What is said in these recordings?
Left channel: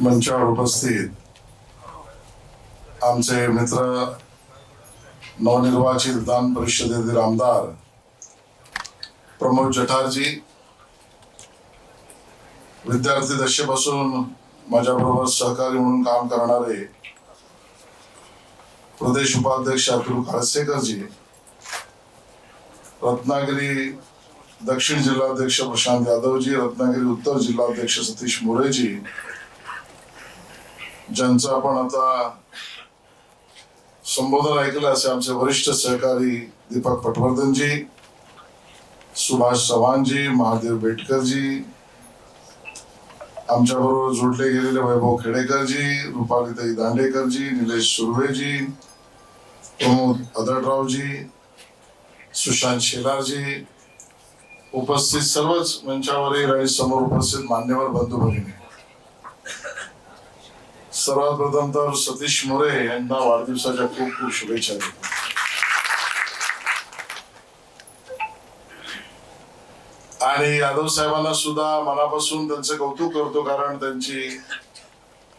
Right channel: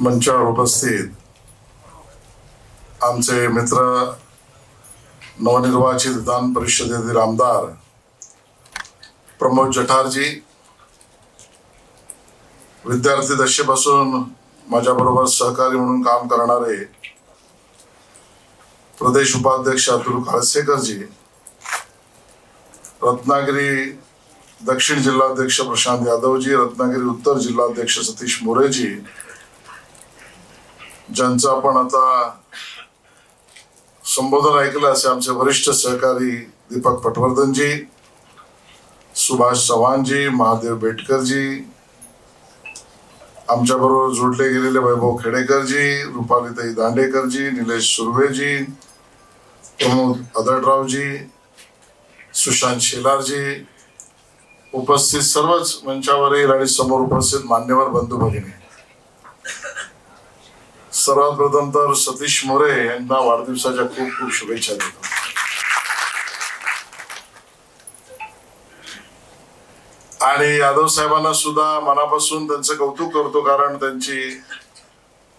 मंचावर उपस्थित आमचे मित्र नवनिर्वाचित विधान परिषदेतील आमदार प्रमोद जठारजी, विद्यार्थी दशेपासून माझ्याबरोबर सहकारी म्हणून काम करणारे प्रदेश उपाध्यक्ष अतुल काळसेकरजी, रत्नागिरी दक्षिण जिल्हाध्यक्ष प्रशांत यादवजी, रत्नागिरी उत्तर जिल्हाध्यक्ष सतीश मोरेजी, ज्यांचं आपण आता संबोधन ऐकलं असे आमचे वरिष्ठ सहकारी दीपक पटवर्धनजी, सुभाष चव्हाणजी, महादेव बेटकरजी, आमच्या बरोबर जोडले गेलेले वैभव खेडेकरजी, रुपालीताई दांडेकरजी, निलेश सुर्वेजी, प्रमोद अदडरावजी, सुशांत शेलारजी, उपस्थित सर्वच मंचावरील आणि समोर उपस्थित मान्यवर बंधू भगिनी, सर्वात प्रथम तर सतीश मोरे यांना वाढदिवसाच्या खूप खूप शुभेच्छा देतो. आणि यादव साहेबांना सुद्धा मनापासून त्यांचं कौतुक करतो, कारण त्यांची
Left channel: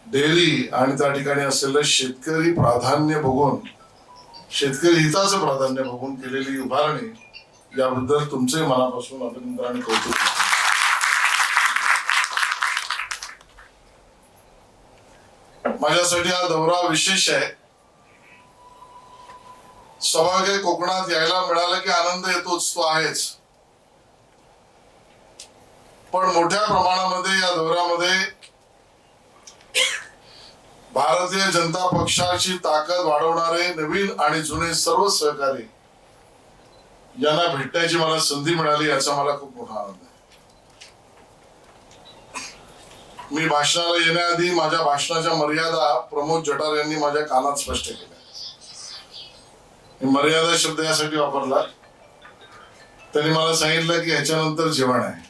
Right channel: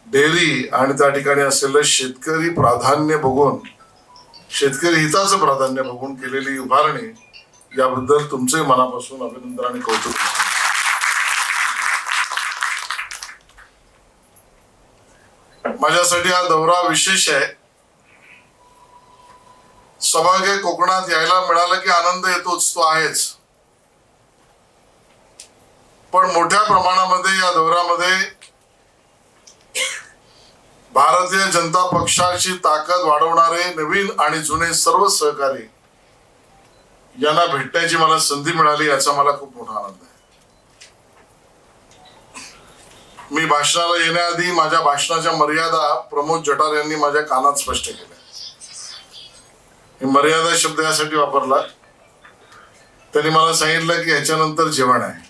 डेअरी आणि त्या ठिकाणी असलेलं शेतकरी प्राधान्य बघून, शेतकरी हिताचं प्राधान्य बघून केलेली उभारणी, याबद्दल तुमचे मनापासून अभिनंदन आणि कौतुक. माझ्यासाठी हा दौरा विशेष आहे. सौभाग्य कोकणात यायला मिळालं की आनंद येतोच, तो आहेच, पण मोठ्या प्रमाणामध्ये या दौऱ्यामध्ये भारतीय जनता पक्षाची ताकद वाढवणारे नवीन आणि जुने सर्व सहकारी यांना भेटण्याची मला संधी मिळाली, याचा मला खूप मोठा आनंद आहे. मी भाषणाला येण्याआधी माझ्या भाषणाच्या मर्यादा प्रमोद जठार यांनी माझ्या कानात स्पष्ट केल्या. मी मर्यादा शब्द यासाठी वापरला, त्यांनी मला सांगितलं की ह्याच्यानंतर जेवण आहे.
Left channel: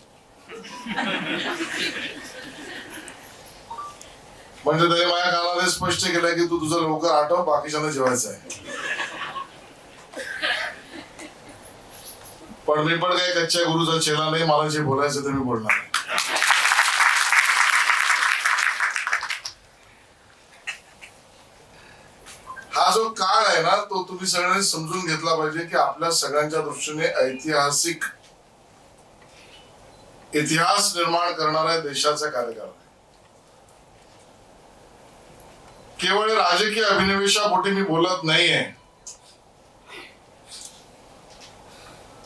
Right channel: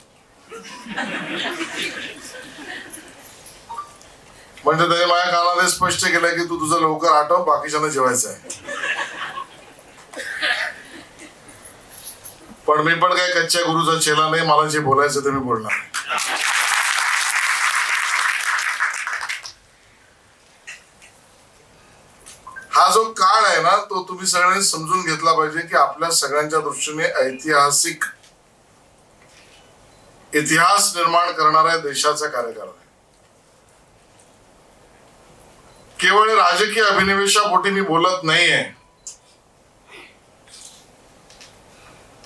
म्हणजे त्याने माझ्या कानात स्पष्ट केलं की तू तुझं लवकर आठव, बाकीच्यांना जेवायचं आहे. पण मी पण काही कच्च्या गुरुचा चेला नाही, मला जे बोलायचं ते मी बोलणार. हा जो काळ आहे ना, तो तुम्ही सगळ्यांनी समजून घेतला पाहिजे की आपल्या सगळ्यांच्या दृष्टीने ऐतिहासिक इतिहास निर्माण करणाऱ्या देशाचा कार्यकाळ आहे. केवळ राजकीय अभिनिवेशापोटी मी बोलत नाहीये,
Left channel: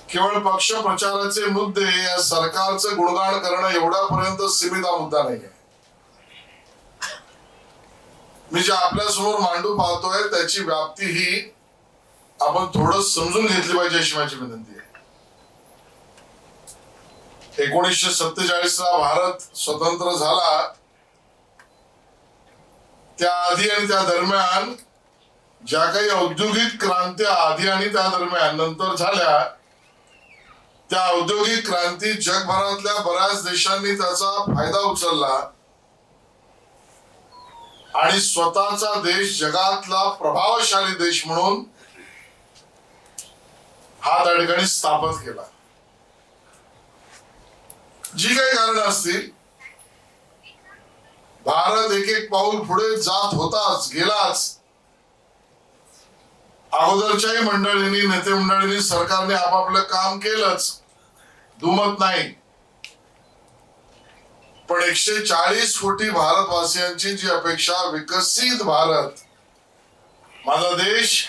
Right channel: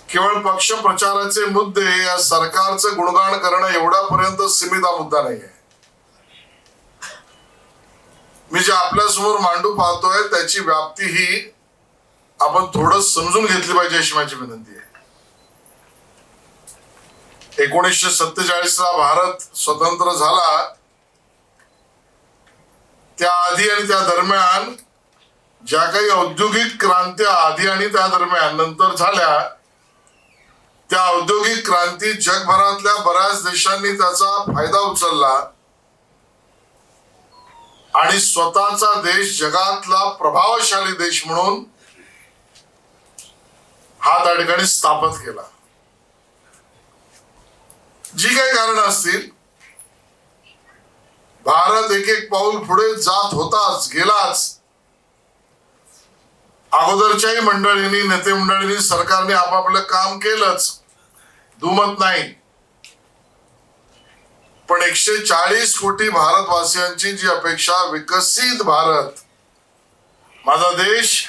केवळ पक्ष प्रचाराचे मुद्दे या सरकारचं गुणगान करणं एवढ्यापर्यंत सीमित हा मुद्दा नाहीये. मी जे आपल्या समोर मांडू पाहतोय त्याची व्याप्ती ही आपण थोडं समजून घेतली पाहिजे अशी माझी विनंती आहे. 1947 ला भारत स्वतंत्र झाला, त्या आधी आणि त्या दरम्यान ज्या काही औद्योगिक क्रांत्या आधी आणि त्या दरम्यान नंतर झाल्या, त्या औद्योगिक क्रांती जगभरातल्या बऱ्याच देशांनी त्याचा फायदा उचलला आणि स्वतःचा देश जगातला प्रभावशाली देश म्हणून हा त्या ठिकाणी स्थापित केला. जी काही कारण असतील, भारत एक एक पाऊल पुढे जात होताच, गेलाच. अगोदरच्याही मंडळींनी, नेते मंडळींनी, सरकारने आपापलं काम केलंच, दुमत नाही. पण 140 कोटी भारतवासियांची जी अपेक्षा, विकसित भारत, माझा देश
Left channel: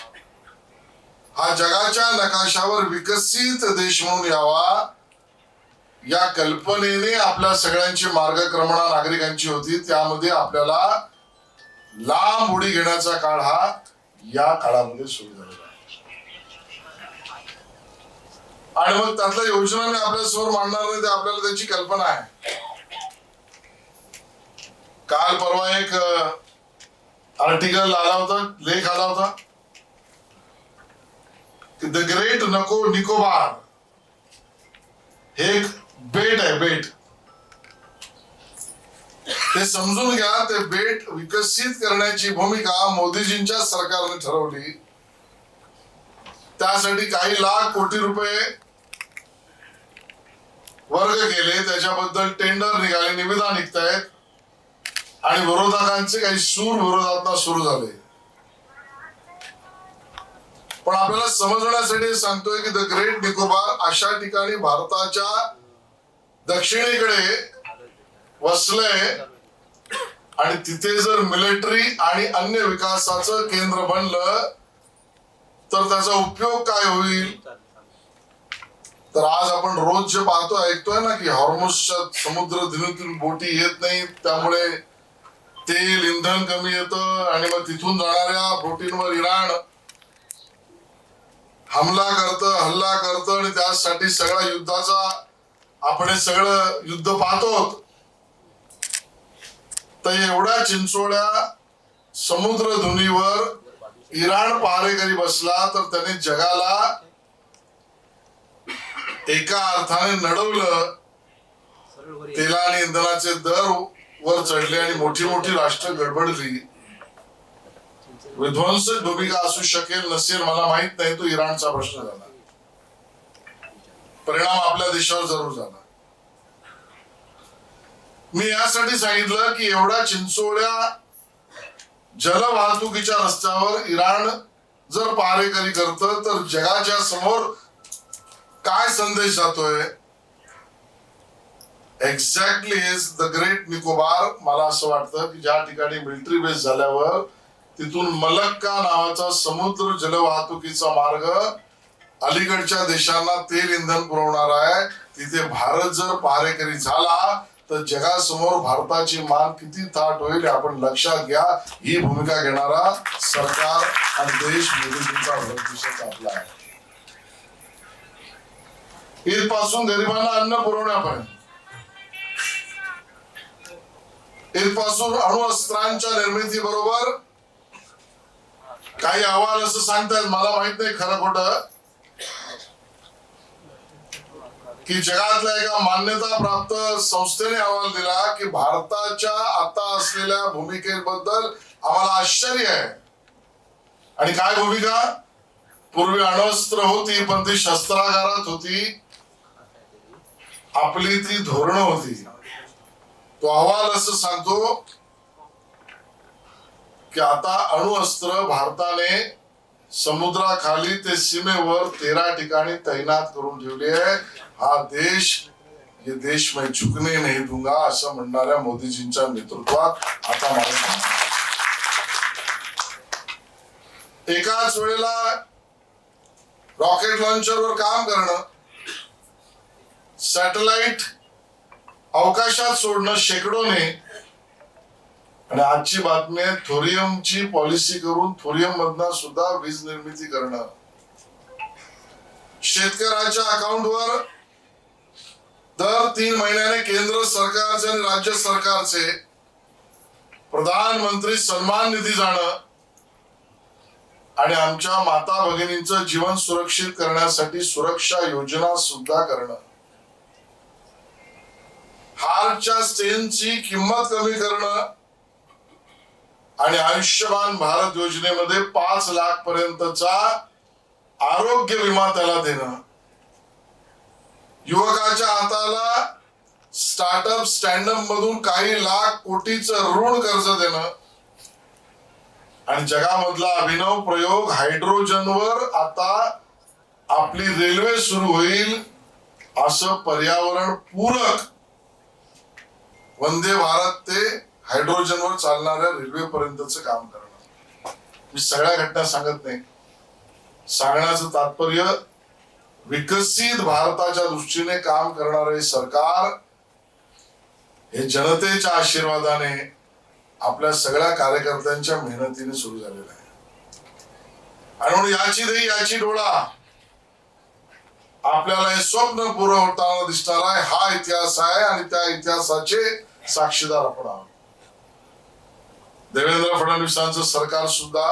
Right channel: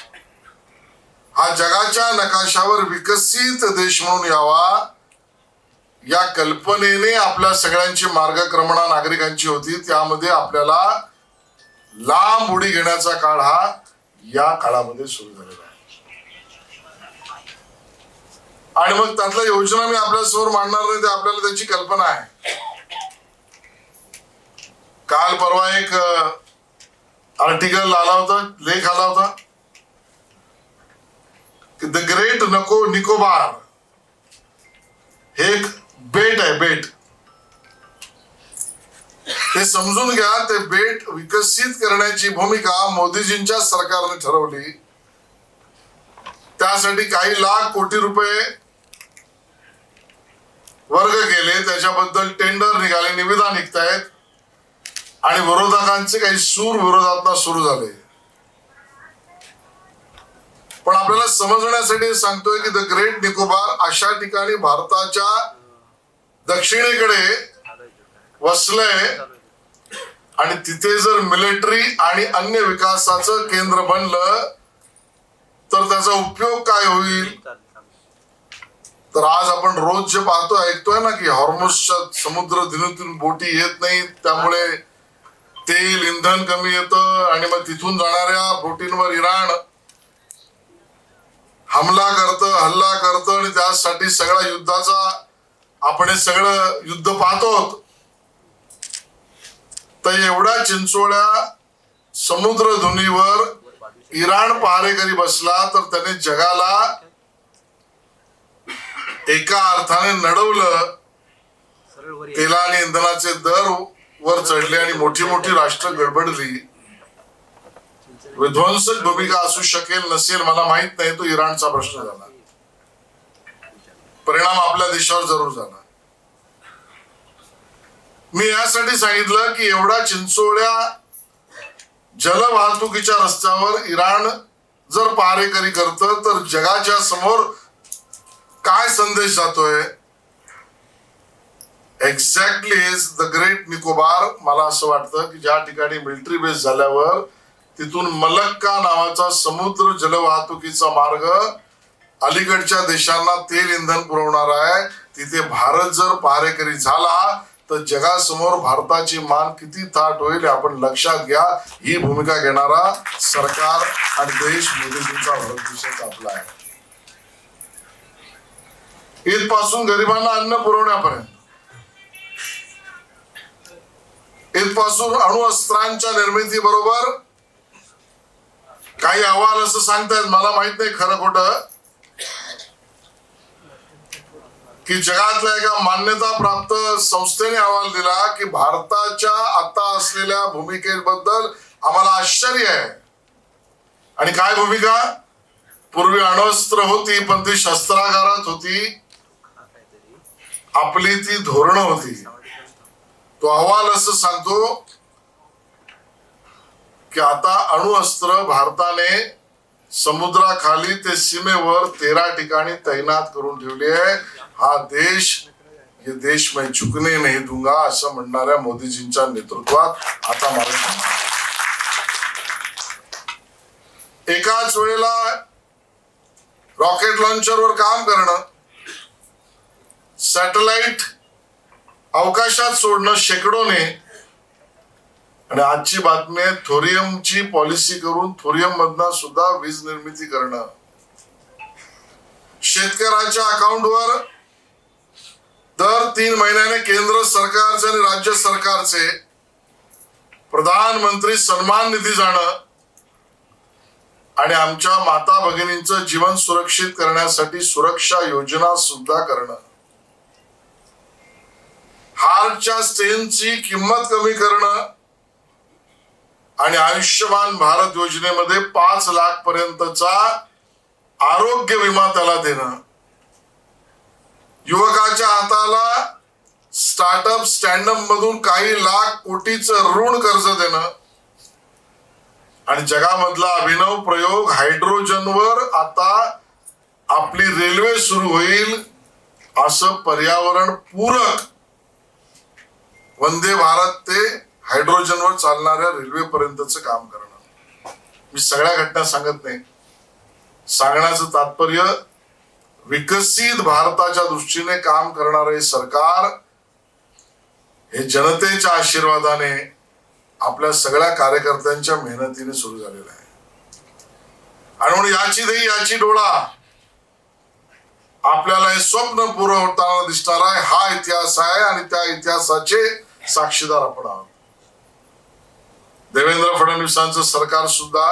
हा जगाच्या नकाशावर विकसित देश म्हणून यावा, या कल्पनेने आपल्या सगळ्यांची मार्गक्रमणा नागरिकांची होती. त्यामध्ये आपल्याला लांब उडी घेण्याचा काळ हा या काळामध्ये सुरू झालेला आहे. आणि मग त्यातल्या योजना मी आपल्या समोर मांडणार नाही, ते आपल्याला त्याची कल्पना आहे. काल परवा एक आर्टिकल आला होता, लेख आला होता की द ग्रेट निकोबार हे एक बेट आहे, बेट. हे समजून घ्या, ते बेट विकसित करण्याची भूमिका मोदीजींच्या सरकारने ठरवली. त्यासाठी काही लाख कोटी रुपये वर्ग केले, त्याच्याबद्दल टेंडर निघाले, निविदा निघतायत. आणि विरोधकांचे काही सूर विरोधात सुरू झाले. पण आपल्याला समजण्यासाठी सांगतोय की द ग्रेट निकोबार अशा ठिकाणी भारताच्या दक्षिणेकडे वसलंय आणि तिथे जर मिलिटरी आणि अन्य विकासाचं केंद्र बनलं तर त्याचा उपयोग काय होईल. तर आज आपण रोज जे पाहतो ऐकतोय ना की हॉर्मुझच्या समुद्र दिनीतून बोटी येत नाहीत, त्यामुळे तेल इंधन कमी येतं आणि मग तिथून जाणाऱ्या बोटींवर इराण हल्ला करतं आणि त्यासाठी सगळ्या युद्धाचा आपण हे सगळं युद्ध पाहतो. तर एवढ्या चिंचोळ्या समुद्र धुनीवर इराण पहारेकरी बसला तर त्याने जगाला एका अर्थाने नडवलं. तेला आणि इंधनाचे दर वर चढले आणि मोठी मोठी राष्ट्र गडबडली. विध्वंसक भूमिका असू शकेल नसेल मला माहित नाही, तो इराणचा प्रश्न झाला. परिणाम आपल्या देशावर जरूर झाला. मी यासाठी सांगितलं की एवढ्या चिंचोळ्या जलवाहतुकीच्या रस्त्यावर इराण जर पहारेकरी करतं तर जगाच्या समोर काय संदेश जातोय. Exactly is the great Nicobar. मला असं वाटतं की ज्या ठिकाणी मिलिटरी बेस झाल्यावर तिथून मलक्का नावाचा समुद्र जलवाहतुकीचा मार्ग अलीकडच्या देशांना तेल इंधन पुरवणार आहे, तिथे भारत जर पहारेकरी झाला तर जगासमोर भारताची मान किती थाट होईल आपण लक्षात घ्या. ही भूमिका घेणारा सरकार आणि देश मोदीजींचा भारत देशाचा आपला आहे. इथपासून गरिबांना अन्न पुरवण्यापर्यंत, इथपासून अणुअस्त्रांच्या निर्मिती बरोबर काही अहवाल असं सांगतायत, मला माहित नाही खरं खोटं, की जगातल्या एका मान्यता प्राप्त संस्थेने अहवाल दिला की भारताच्या आता असलेल्या भूमिकेबद्दल आम्हाला आश्चर्य आहे. आणि काय भूमिका. पूर्वी अण्वस्त्र होती पण ती शस्त्रागारात होती, आपली ती धोरणं होती. तो अहवाल असं सांगतो की आता अणुअस्त्र भारताने समुद्राखाली ते सीमेवर 13 ठिकाणी तैनात करून ठेवली आहे. हा देश, ये देश मैं झुकने नहीं दूंगा असं म्हणणाऱ्या मोदीजींच्या नेतृत्वात आता मला एकाच वेळेला रॉकेट लॉन्चरवर काम करणं, सॅटेलाइट अवकाशात सोडणं शेकडोने, आणि आजची बातमी आहे थोरियमची पॉलिसी करून थोरियम मधनं सुद्धा वीज निर्मिती करणं. शेतकऱ्याच्या अकाउंटवर दर 3 महिन्याने केंद्र सरकारचे आणि राज्य सरकारचे प्रधानमंत्री सन्मान निधी जाणं आणि आमच्या माता भगिनींचं जीवन सुरक्षित करण्यासाठी सुरक्षा योजना सुद्धा करणं. हार्टच्या स्टेनची किंमत कमी करणं आणि आयुष्यमान भारत योजनेमध्ये 5 लाख पर्यंतचा आरोग्य विमा त्याला देणं. युवकाच्या हाताला स्टार्टअप स्टँडअप मधून काही लाख कोटीचं ऋण कर्ज देणं. आणि जगामधला अभिनव प्रयोग हायड्रोजनवर आता आपली रेल्वे सुरू होईल असं पर्यावरण पूरक वंदे भारत ते हायड्रोजनवर चालणाऱ्या रेल्वे पर्यंतचं काम करणं. मी सगळ्या घटना सांगत नाही, सांगण्याचं तात्पर्य विकसित भारताच्या दृष्टीने काम करणारे सरकार हे जनतेच्या आशीर्वादाने आपल्या सगळ्या कार्यकर्त्यांच्या मेहनतीने सुरू झालेलं आहे. आणि म्हणून याची देही याची डोळा आपल्याला हे स्वप्न पूर्ण होताना दिसणार आहे. हा इतिहास आहे आणि त्या इतिहासाचे साक्षीदार आपण आहोत. देवेंद्र फडणवीसांचं सरकार सुद्धा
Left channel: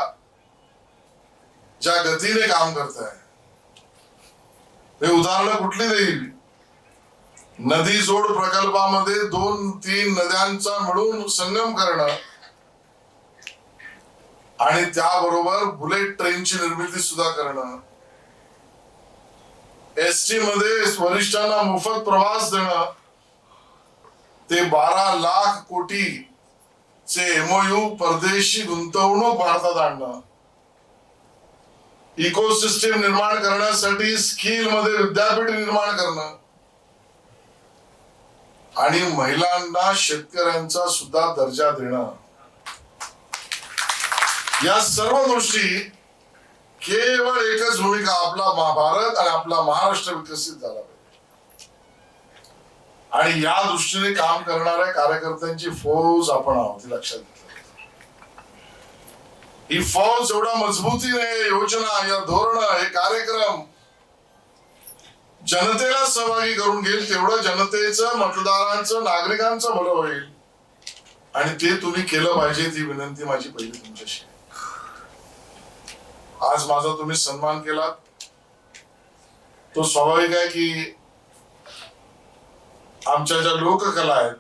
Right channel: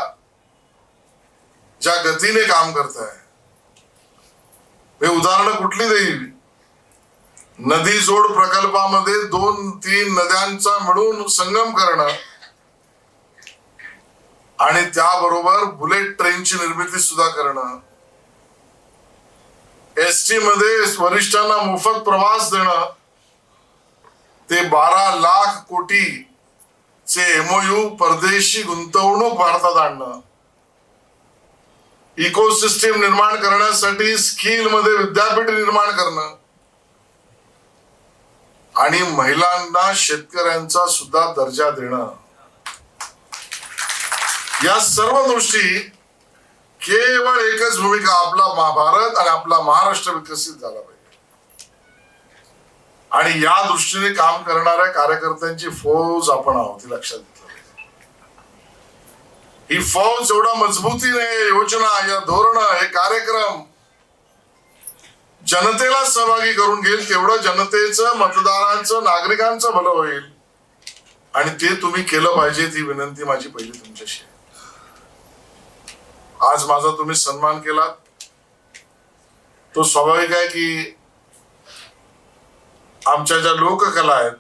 ज्या गतीने काम करत आहे, हे उदाहरण कुठली देईल. नदी जोड प्रकल्पामध्ये 2-3 नद्यांचा मिळून संगम करणं आणि त्याबरोबर बुलेट ट्रेनची निर्मिती सुद्धा करणं, एसटी मध्ये वरिष्ठांना मोफत प्रवास देणं, ते 12 लाख कोटी चे MOU, परदेशी गुंतवणूक भारतात आणणं, इकोसिस्टीम निर्माण करण्यासाठी स्किल मध्ये विद्यापीठ निर्माण करणं आणि महिलांना शेतकऱ्यांचा सुद्धा दर्जा देणं, या सर्व गोष्टी केवळ एकच भूमिका, आपला भारत आणि आपला महाराष्ट्र विकसित झाला पाहिजे. आणि या दृष्टीने काम करणाऱ्या कार्यकर्त्यांची फौज आपण आहोत, ही लक्षात घेतलं. ही फौज एवढा मजबूतीने योजना, या धोरण, हे कार्यक्रम जनतेला सहभागी करून घेईल, तेवढं जनतेचं, मतदारांचं, नागरिकांचं भलं होईल. आणि ते तुम्ही केलं पाहिजे, ती विनंती माझी पहिली तुमच्याशी. आज माझा तुम्ही सन्मान केला, तो स्वाभाविक आहे की आमच्या ज्या लोककला आहेत,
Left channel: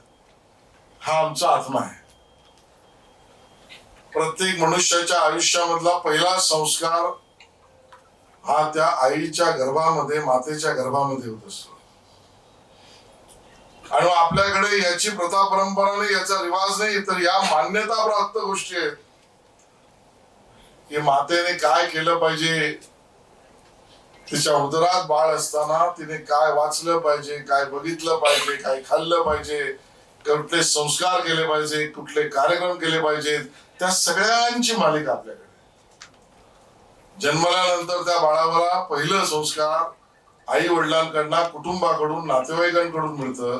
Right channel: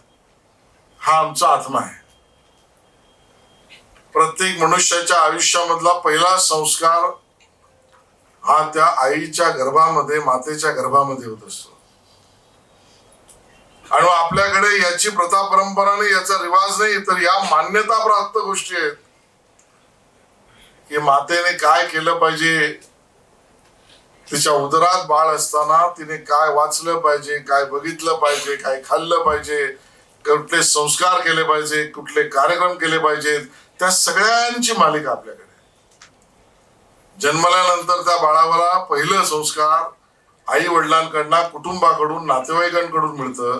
हा आमचा आत्मा आहे. प्रत्येक मनुष्याच्या आयुष्यामधला पहिला संस्कार हा त्या आईच्या गर्भामध्ये, मातेच्या गर्भामध्ये होत असतो. आणि आपल्याकडे याची प्रथा परंपरा नाही, याचा रिवाज नाही, तर या मान्यता प्राप्त गोष्टी आहेत की मातेने काय केलं पाहिजे, तिच्या उदरात बाळ असताना तिने काय वाचलं पाहिजे, काय बघितलं पाहिजे, काय खाल्लं पाहिजे, कुठले संस्कार केले पाहिजे, कुठले कार्यक्रम केले पाहिजेत, त्या सगळ्यांची मालिका आपल्याकडे. जन्मल्यानंतर त्या बाळाला पहिलं संस्कार आई वडिलांकडनं, कुटुंबाकडून, नातेवाईकांकडून मिळतं.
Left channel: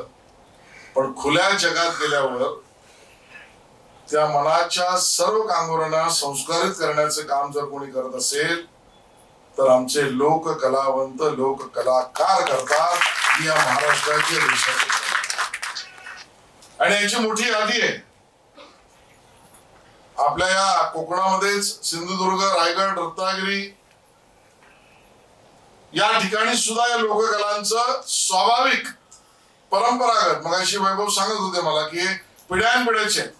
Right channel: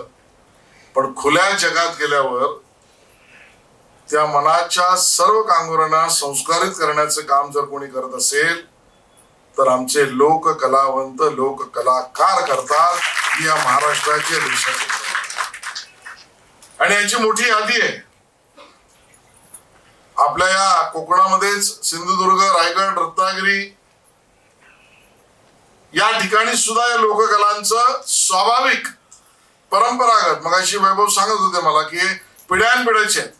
पण खुल्या जगात गेल्यावर त्या मनाच्या सर्व कांगोरांना संस्कारित करण्याचं काम जर कोणी करत असेल तर आमचे लोक कलावंत, लोक कलाकार करतात, ही या महाराष्ट्राची, देशाची. आणि याची मोठी यादी आहे. आपल्या या कोकणामध्येच सिंधुदुर्ग, रायगड, रत्नागिरी या ठिकाणी सुद्धा या लोककलांचं स्वाभाविक, परंपरागत, मगाशी वैभव सांगत होते मला की पिढ्यानपिढ्याचे आहेत.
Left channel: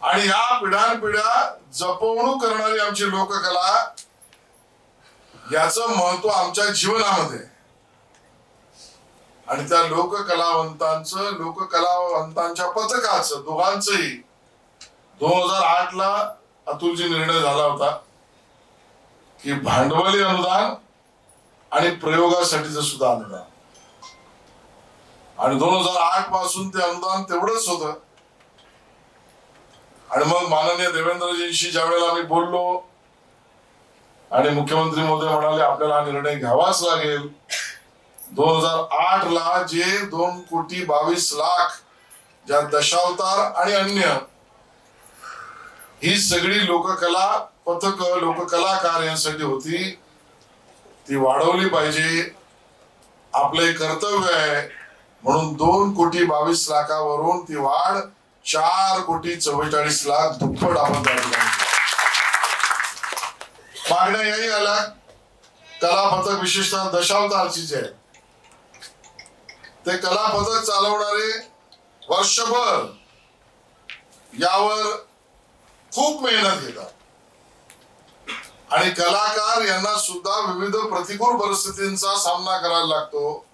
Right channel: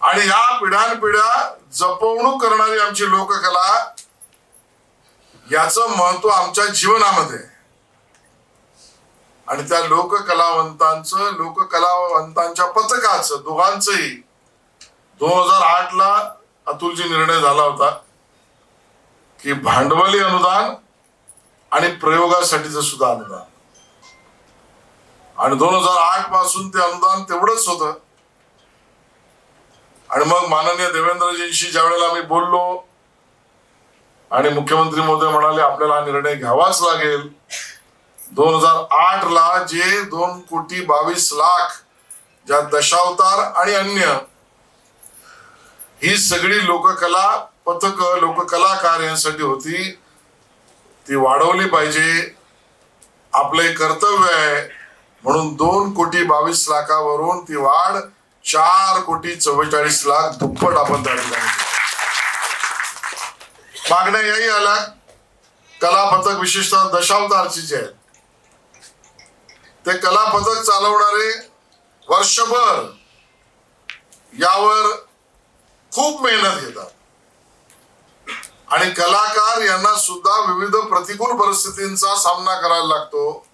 आणि या पिढ्यानपिढ्या जपवणूक करणारी आमची लोककला, याचं महत्व आमच्या जीवनामध्ये. आणि त्या लोककलावंतांच्या पथकाचं, दोघांचंही 2008 ला अतुलजी निर्णय झाला होता की भांडवली अनुदान आणि प्रयोगासाठीचं सुद्धा अनुदान. आणि 2008 पासून ते अनुदान तेवढंच होतं. आणि मग माननीय देवेंद्रजींशी ज्या वेळेला आम्ही बोललो आणि मुख्यमंत्री महोदय म्हणाले आपल्याला हा निर्णय घ्यावाच लागेल, 2008 ला जे 2,22,00,000 ज्या दशावतार आणि अन्य ही सगळी लोककला पथक, लोककलाकार यांसाठी होती, ती वाढवली पाहिजे, आपले कर्तव्य आहे. म्हणून 2,22,00,000 ती वाढ 4,44,00,000 दुप्पट आपण त्या ठिकाणी. मागण्या याही आल्या, कला पथक विशेषतः दशावतारची जे आहे ते कला पथक चालवणारे वर्षभर यावर खूप मेहनत घेतात. आणि कलाकार यांना सुद्धा विविध प्रतिकूल परिस्थितींचा सामना करायला लागतो.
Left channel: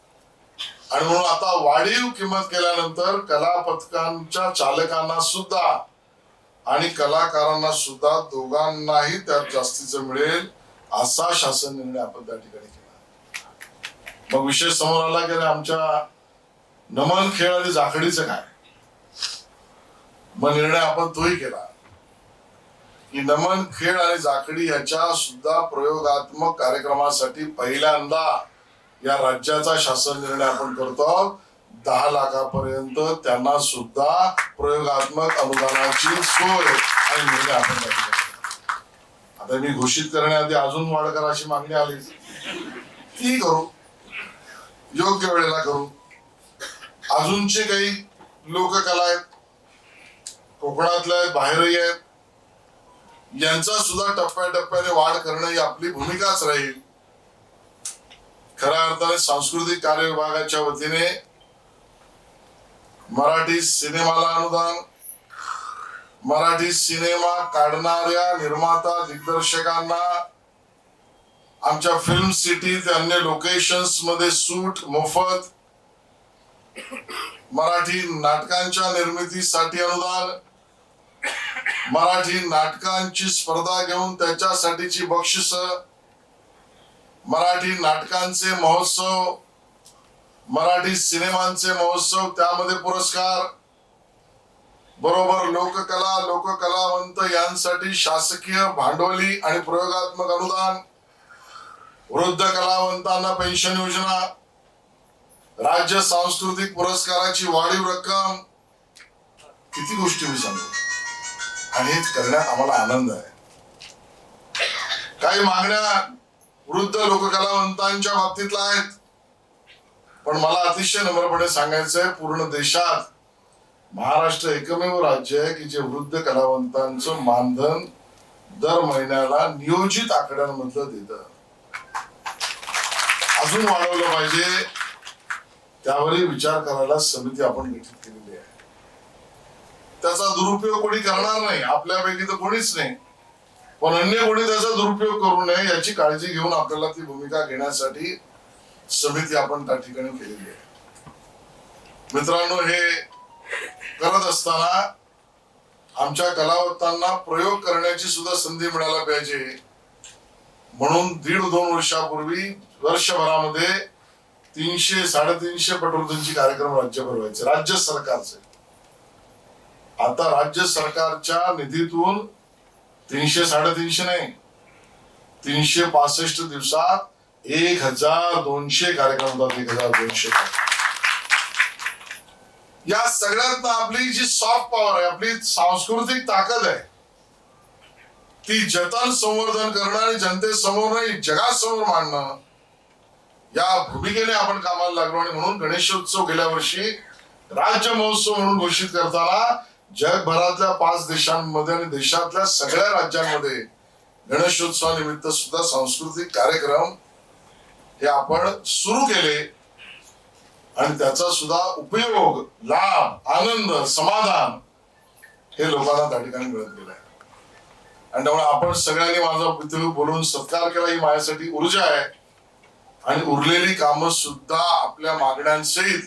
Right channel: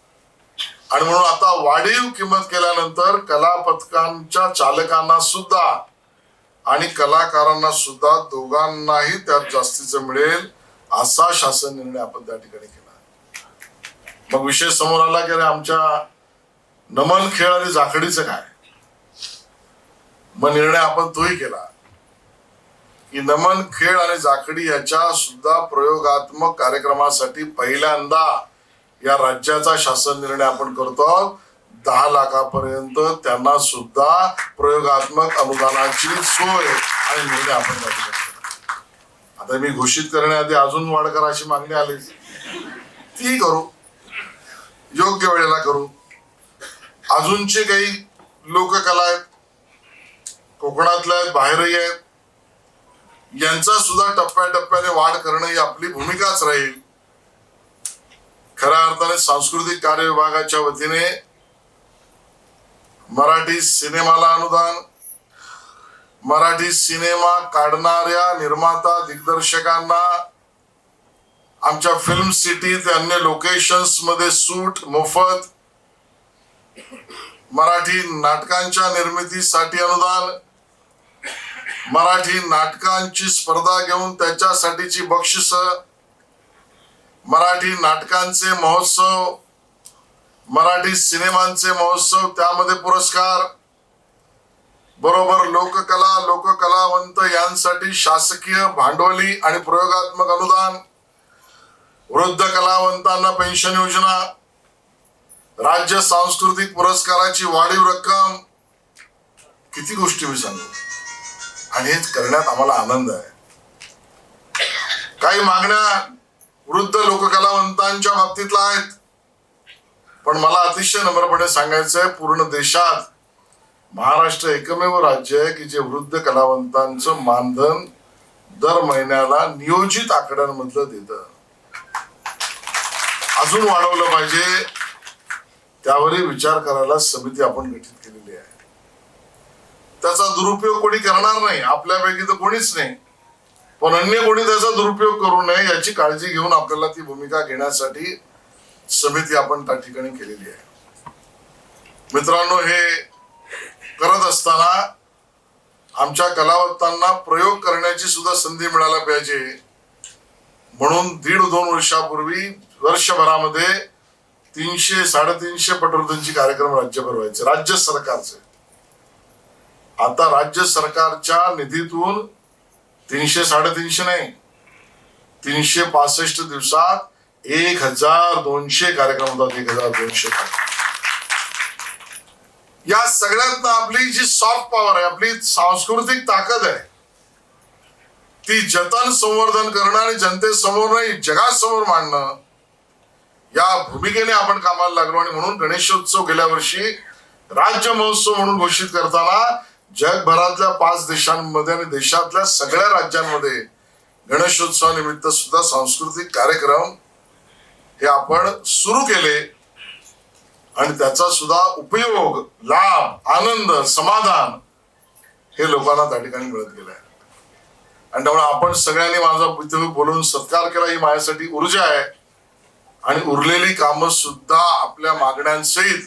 आणि म्हणून आता वाढीव किंमत केल्यानंतर कला पथकांच्या चालकांना सुद्धा आणि कलाकारांना सुद्धा दोघांनाही त्यात जास्तीचं मिळेल, असा शासन निर्णय आपण त्या ठिकाणी केला. मग विषय समोर आला की आमच्या नमन खेळ आणि जाखडीचं काय. मग निर्णय आपण तोही केला की नमन खेळ आणि जाखडी याच्या सुद्धा प्रयोगात्मक कार्यक्रमासाठी पहिल्यांदा या राज्याचा शासन निर्णय आपण करतो. 10 लाखापर्यंत त्यांना सुद्धा प्रयोगात्मक अनुदानाची सोय आणि निर्णय आपण करतो. आता मी घोषित करण्याआधी अजून वाढ करा अशी मागणी आली, ती करू, योग्य वेळेला करू. अजूनचे काही लोककला आहेत, कोकणातल्या आहेत, बाहेरही आहेत, यांचा सुद्धा टप्प्याटप्प्याने वाढ करणं ही आपली भूमिकाच राहील. खऱ्या अर्थाने सांस्कृतिक कार्य विभागाच्या वतीने मराठी सिनेमाला अनुदान, मराठी सिनेमा काढणाऱ्या निर्माता दिग्दर्शकांना आमच्या फिल्म सिटी ते अन्य लोकेशन्स मध्ये सूट मोफत, मराठी नाटकांच्या निर्मितीसाठी अनुदान, मराठी नाटकांची स्पर्धा घेऊन त्याच्यासाठीची बक्षिस, मराठी नाटकांचे महोत्सव, मराठी सिनेमांचे महोत्सव त्यामध्ये पुरस्कार, बरोबर लोककला लोककलावंत यांसाठी शासकीय भांडवली आणि प्रयोगात्मक अनुदान, वृद्ध कलावंतांना पेन्शन योजना, राज्य सांस्कृतिक पुरस्काराची वाढीव रक्कम, किती गोष्टी मी सांगतो आणि हे करण्यात आम्हाला आनंद आहे. काही मागण्या वृद्ध लोककलावंतांच्या बाबतीतल्या आहेत, पण मला अतिशय नम्रपणे सांगायचंय, पूर्ण देशात महाराष्ट्र एकमेव राज्य आहे की जे वृद्ध कलावंतांचं मानधन दर महिन्याला नियोजित आकड्यांमधलं देतं. अजून वाढवलं पाहिजे, त्यावरही विचार करायला समिती आपण गठीत केलेली आहे. त्याचा दुरुपयोग कोणी करणार नाही, आपल्यापैकी तर कोणीच नाही, पण अन्य कोणी त्याचा दुरुपयोग करू नये याची काळजी घेऊन आपल्याला ती भूमिका घेण्यासाठी समिती आपण त्या ठिकाणी केलेली आहे. मित्रांनो, हे करत असताना आमच्या कलावंतांना प्रयोग करण्याची सुद्धा संधी मिळायला पाहिजे, म्हणून 1.5-2 वर्षापूर्वी वर्षभरामध्ये 300-350 पटवर्धनची कार्यक्रम राज्यभर व्हायचे, राज्य सरकारचे. आता राज्य सरकारच्या निधीतून 300-350 नाही, 365 दिवसात 1200 कार्यक्रम होतात. 1200. या सगळ्यात आपली जी सॉफ्ट पॉवर आहे, आपली सांस्कृतिक ताकद आहे, ती जतन संवर्धन करणं आणि जनतेसमोर नाही जगासमोर मांडणं, या भूमिकेने आपण कामाला लागलो. आणि म्हणून गणेशोत्सव गेल्या वर्षी राज्य महोत्सव म्हणून घोषित करताना जगभरातल्या 5 देशांमध्ये आणि देशातल्या सगळ्या राज्यांमध्ये गणेशोत्सवानिमित्त सुद्धा सांस्कृतिक कार्यक्रम हे आपण सुरू केले आणि त्याचा सुद्धा उपयोग, लाभ, आनंद, समाधान हे लोकांना त्या ठिकाणी मिळत गेलाय. आणि त्यामुळे आपण सगळ्यांनी माझा इथे बोलून सत्कार केला, ही माझ्यासाठी ऊर्जा आहे. आणि उरलेली कामं सुद्धा आपल्या मागण्यांसहित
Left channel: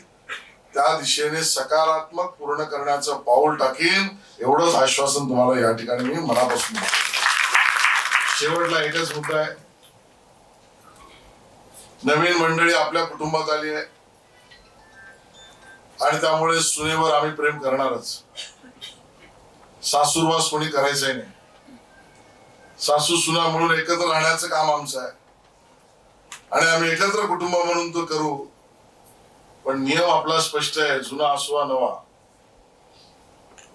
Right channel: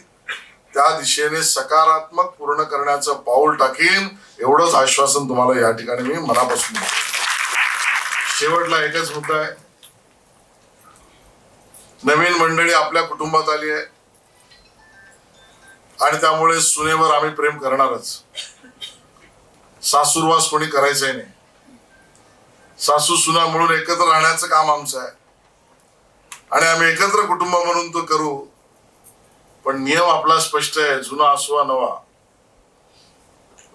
त्या दिशेने सकारात्मक पूर्ण करण्याचं पाऊल टाकीन, एवढंच आश्वासन तुम्हाला या ठिकाणी मी मनापासून देतो. शेवटला एकच मुद्दा आहे, नवीन मंडळी आपल्या कुटुंबात आली आहे आणि त्यामुळे सुनेवर आम्ही प्रेम करणारच. सासूरवास कोणी करायचंय नाही, सासू सुना म्हणून एकत्र राहण्याचं काम आमचं आहे आणि आम्ही एकत्र कुटुंब म्हणून तो करू. पण नियम आपला स्पष्ट आहे, जुना असो वा नवा.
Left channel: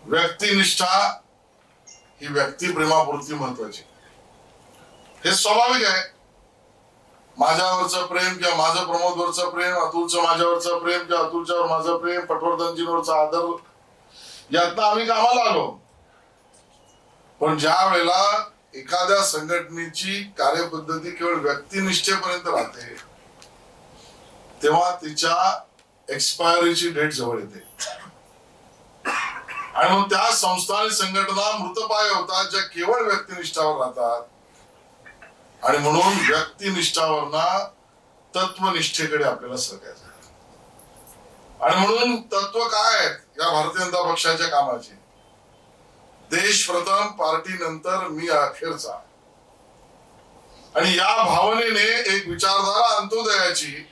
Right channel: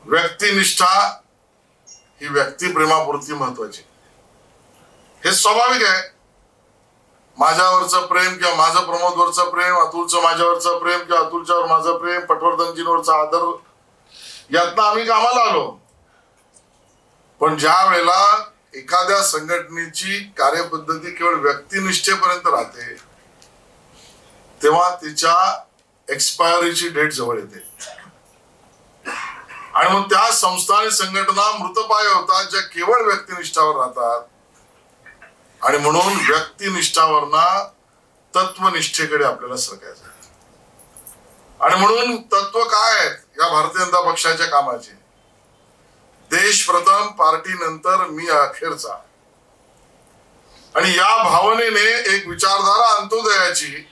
व्यक्तिनिष्ठा ही व्यक्तिप्रेमापुरती महत्वाची, हे स्वाभाविक आहे. माझ्यावरचं प्रेम किंवा माझं प्रमोदवरचं प्रेम, अतुलचं माझ्यावरचं प्रेम किंवा अतुलच्यावर माझं प्रेम, पटवर्धनजींवरचा आदर, यातनं आम्ही कामाला आलो. पण ज्या वेळेला एखाद्या संघटनेची कार्यपद्धती केवळ व्यक्तिनिष्ठेपर्यंत राहते, तेव्हा तिच्या एक्सपायरीची डेट जवळ येते आणि मग त्या संस्था आणि संघटना मृतपाय होतात ज्या केवळ व्यक्तिनिष्ठावर राहतात. आणि म्हणून व्यक्तिनिष्ठावरना तत्वनिष्ठेकडे आपल्याला सरकायचं. आणि म्हणून तत्व काय आहेत या भारतीय जनता पक्षाच्या कामाचे? देश प्रथम, पार्टी नंतर, मी अखेरचा. आणि या भावनेने एक विचारधारा अंत्योदयाची,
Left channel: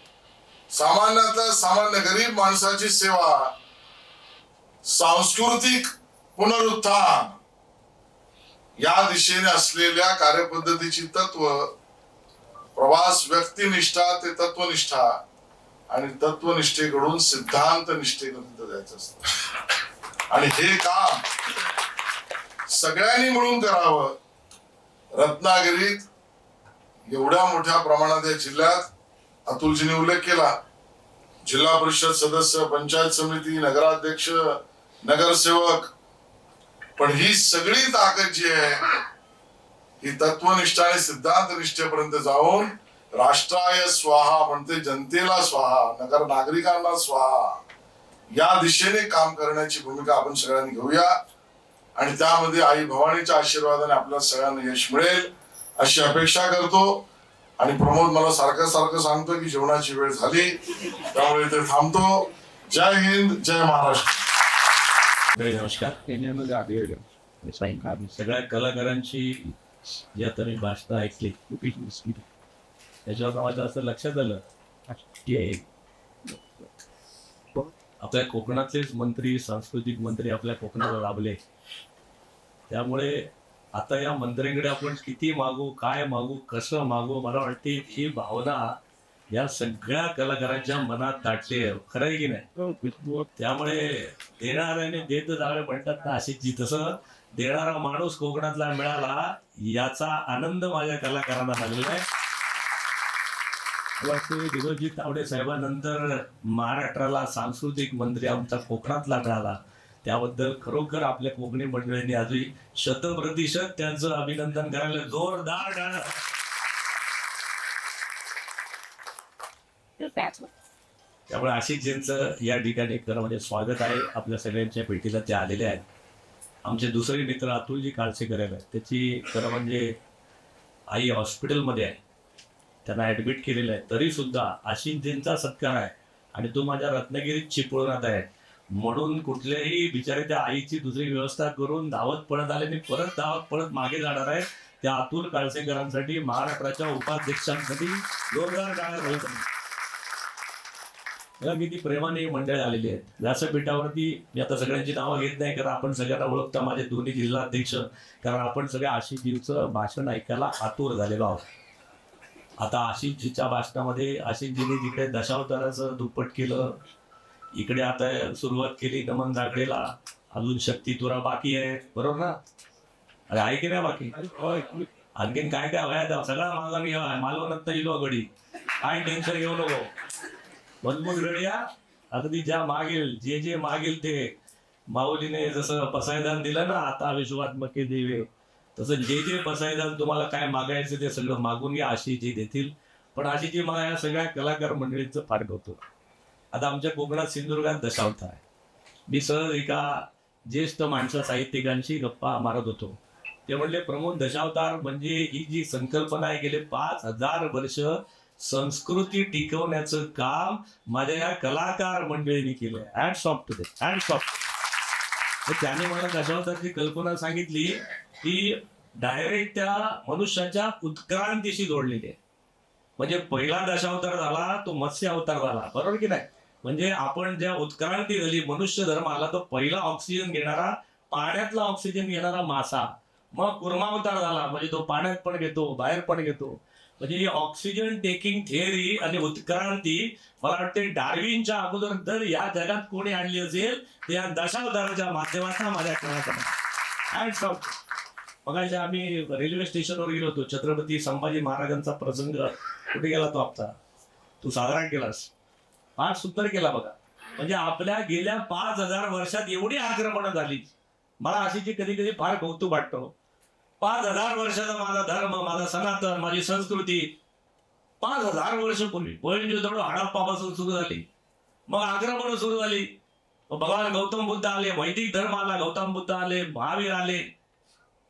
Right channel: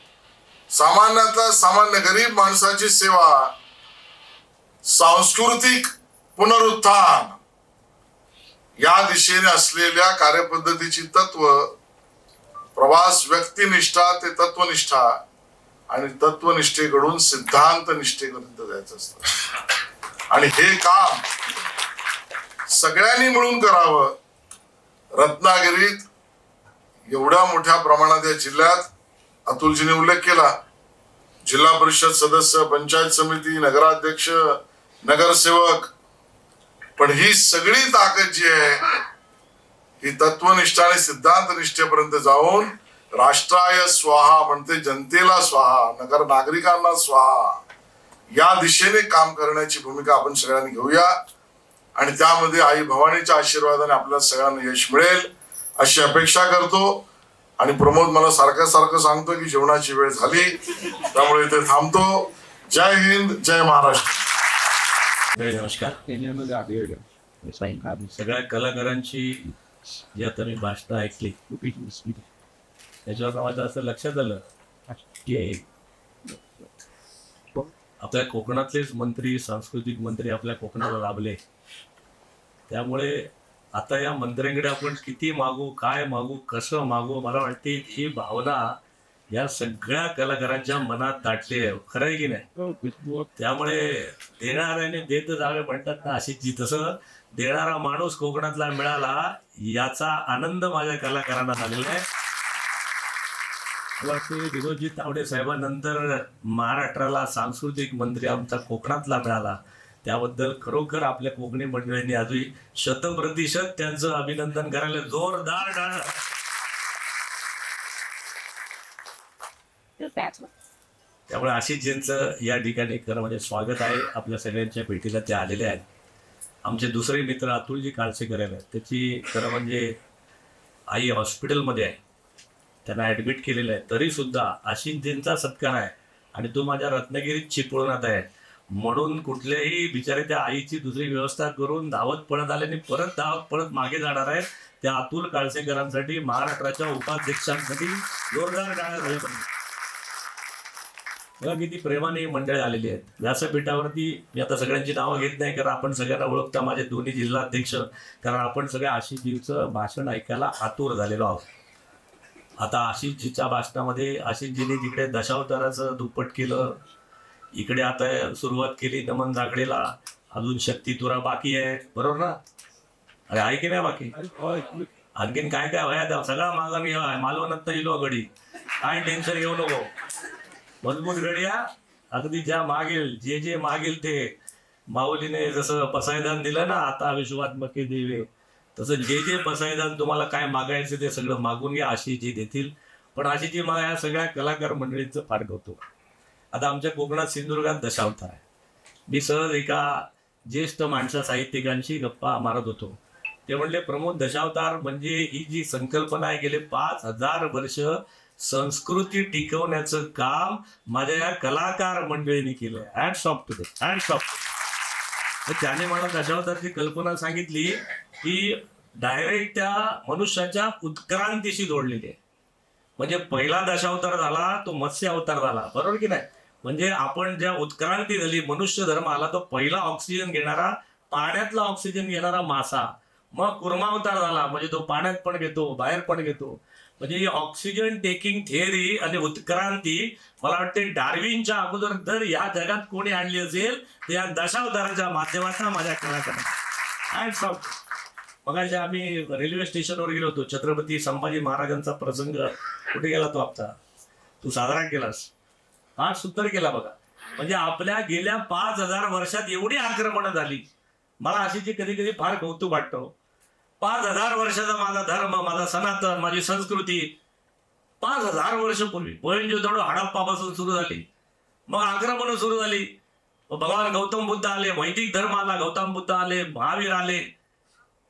सामान्यातल्या सामान्य गरीब माणसाची सेवा, सांस्कृतिक पुनरुत्थान या दिशेने असलेल्या कार्यपद्धतीची तत्व, प्रवास व्यक्तिनिष्ठा ते तत्वनिष्ठा आणि तत्वनिष्ठेकडून सिद्धांत निष्ठेपर्यंत जायचं असतं. आणि हे काम सगळ्यांनी मिळून करावं. रत्नागिरीत एवढ्या मोठ्या प्रमाणात या जिल्ह्यात अतुलजीने उल्लेख केला, जिल्हा परिषद सदस्य, पंचायत समिती, नगराध्यक्ष, नगरसेवक, पण ही सगळी ताकद जी आहे ही तत्वनिष्ठा आणि सिद्धांत निष्ठेपर्यंत जाऊन राष्ट्राय स्वाहा म्हणते जनतेला स्वाहा, नगर नागरिकांना स्वाहा या दिशेने काम करण्याची भूमिका आपण सगळ्यांनी घेऊया. आणि त्यामध्ये आई भवानीच्या आशीर्वादाने आपल्या सगळ्यांना यश मिळेल अशी अपेक्षा करतो. आणि प्रमोद मला सारखं सांगतो की जेवणाची वेळ झाली, त्यामुळे इथे थांबतो. जय हिंद, जय महाराष्ट्र. नमस्कार. सगळ्या कलाकारांची जी आता मी भाषणं ऐकली त्याच्यावर माझं असं लक्षात आलं की आपल्या कोकणातलेच मंत्री, सांस्कृतिक मंत्री आपल्या कोकणाला लाभले. त्यामुळे आता या मंत्र्यांकडे आपण किती मागू, काय मागू, कसं मागू, मला वाटते ही भावना या सगळ्या कलाकारांच्या मनात दाटली आहे. खरं आहे की नाही? त्यामुळे देणाऱ्याने देत जावे म्हणतात ना, अशी तसं देणारा माणूस कोकणातला मिळाला याचा आनंद माझ्या कलाकारांना झालेला आहे. विनोदजी तावडे साहेबांनंतर महाराष्ट्राला सांस्कृतिक मंत्री आमचा कोकणातला मिळाला, त्याबद्दल खरोखर आपल्या कोकणी मंडळींनी अजून 100% त्यांचं अभिनंदन करायला जोरदार टाळ्या. त्यामुळे आशिषजींचं या ठिकाणी खरं म्हणजे स्वागत आहे. आपल्या सगळ्यांच्या भेटीला ते आलेले आहेत. आमचे दुसरे मित्र अतुलजी काळसेकर आहेत, त्याची खरं म्हणजे आई हॉस्पिटलमध्ये आहे, त्यांना ॲडमिट केलेलं आहे. तरी सुद्धा आशिषजींचा सत्कार आहे आणि तो माझ्या रत्नागिरीत चिपळूणात आहे म्हणून कुठल्याही बिचारे त्या आईची दुसरी व्यवस्था करून धावत पळत आल्याने परत धावत पळत मागे जाणार आहे. त्या अतुल काळसेकरांसाठी, महाराष्ट्राच्या उपाध्यक्षांसाठी जोरदार टाळ्या. मला किती प्रेमाने मंडळी आलेली आहेत व्यासपीठावरती. मी आता सगळ्यांची नावं घेत नाही कारण आपण सगळ्यांना ओळखता, माझे दोन्ही जिल्हा अध्यक्ष, कारण आपण सगळ्या आशिषजींचं भाषण ऐकायला आतुर झालेलो आहोत. आता आशिषजीच्या भाषणामध्ये आशिषजीने जिकडे दशावताराचं दुप्पट केलं, इकडे आता सुरुवात केली नमन जागडेला, अजून शक्ती तुरा बाकी आहे, बरोबर ना? अरे आहे की नाही बाकी? आणखीन काय काय व्हायला सगळा मागा मी मालवणात इलो गडी, काय टेन्शन घेऊ नको, मजबूत गड्या. अगदी ज्या मागेल, जे जे मागेल ते माऊलीने जसं पसायदान दिलं ना, आता विश्वात्मके देवे, तसं जे जे पसायदान तुम्हाला काय मागायचं ते सगळं मागून घ्या, आशिषजी देतील. पण आशिषजी मला या सगळ्या कलाकार मंडळींचं फार कौतुक. आता आमच्या कोकणात सिंधुदुर्गात दशावतार आहे. मी सहज एका ज्येष्ठ माणसा साहित्यिकांशी गप्पा मारत होतो. ते म्हणले, प्रमोद, दशावतार म्हणजे ही जी संकल्पना आहे, गेले 5000 वर्ष संस्कृती टिकवण्याचं काम माझ्या या कलाकार मंडळींनी केलं. Hats off to them, hats off. तर त्याने मला दशावतारची कल्पना सांगितली की डायरेक्ट त्या मनुष्याच्या उत्क्रांतीशी जोडलेली आहे. म्हणजे पहिला दशावतार झाला तो मत्स्य अवतार झाला, बरोबर की नाही? म्हणजे आपण ज्या उत्क्रांती झाली, मनुष्य धर्म आला, तो पहिला ऑक्सिजन घेणारा, पाण्यातला ऑक्सिजन घेणारा मासा. मग कुर्मावतार झाला, म्हणजे तो पाण्यात पण घेतो, बाहेर पण घेतो. म्हणजे ही ऑक्सिजन टेकिंग थिअरी आणि उत्क्रांती मला वाटते डार्विनच्या अगोदर जर या जगात कोणी आणली असेल तर या दशावताराच्या माध्यमातून माझ्या कळायचं. मगाशी आम्ही रेल्वे स्टेशनवर गेलो होतो. छत्रपती संभाजी महाराजांचा प्रसंग कुठे गेला तो आपला, तू साजरा केलास, हा सुंदर केला बघा. म्हणजे आपल्या गेल्या 5000 वर्षात एवढी आक्रमणं झाली. मला अशी कधी कधी फार कौतुक वाटतं. 5000 वर्षाचा माझा धर्म, माझा सनातन, माझी संस्कृती 5000 वर्षपूर्वी मोहेंजोदडो हडप्पापासून सुरू झाली. मग आक्रमणं सुरू झाली. भगवान गौतम बुद्ध आले, वैदिक धर्म आला, गौतम बुद्ध आले, महावीर आले.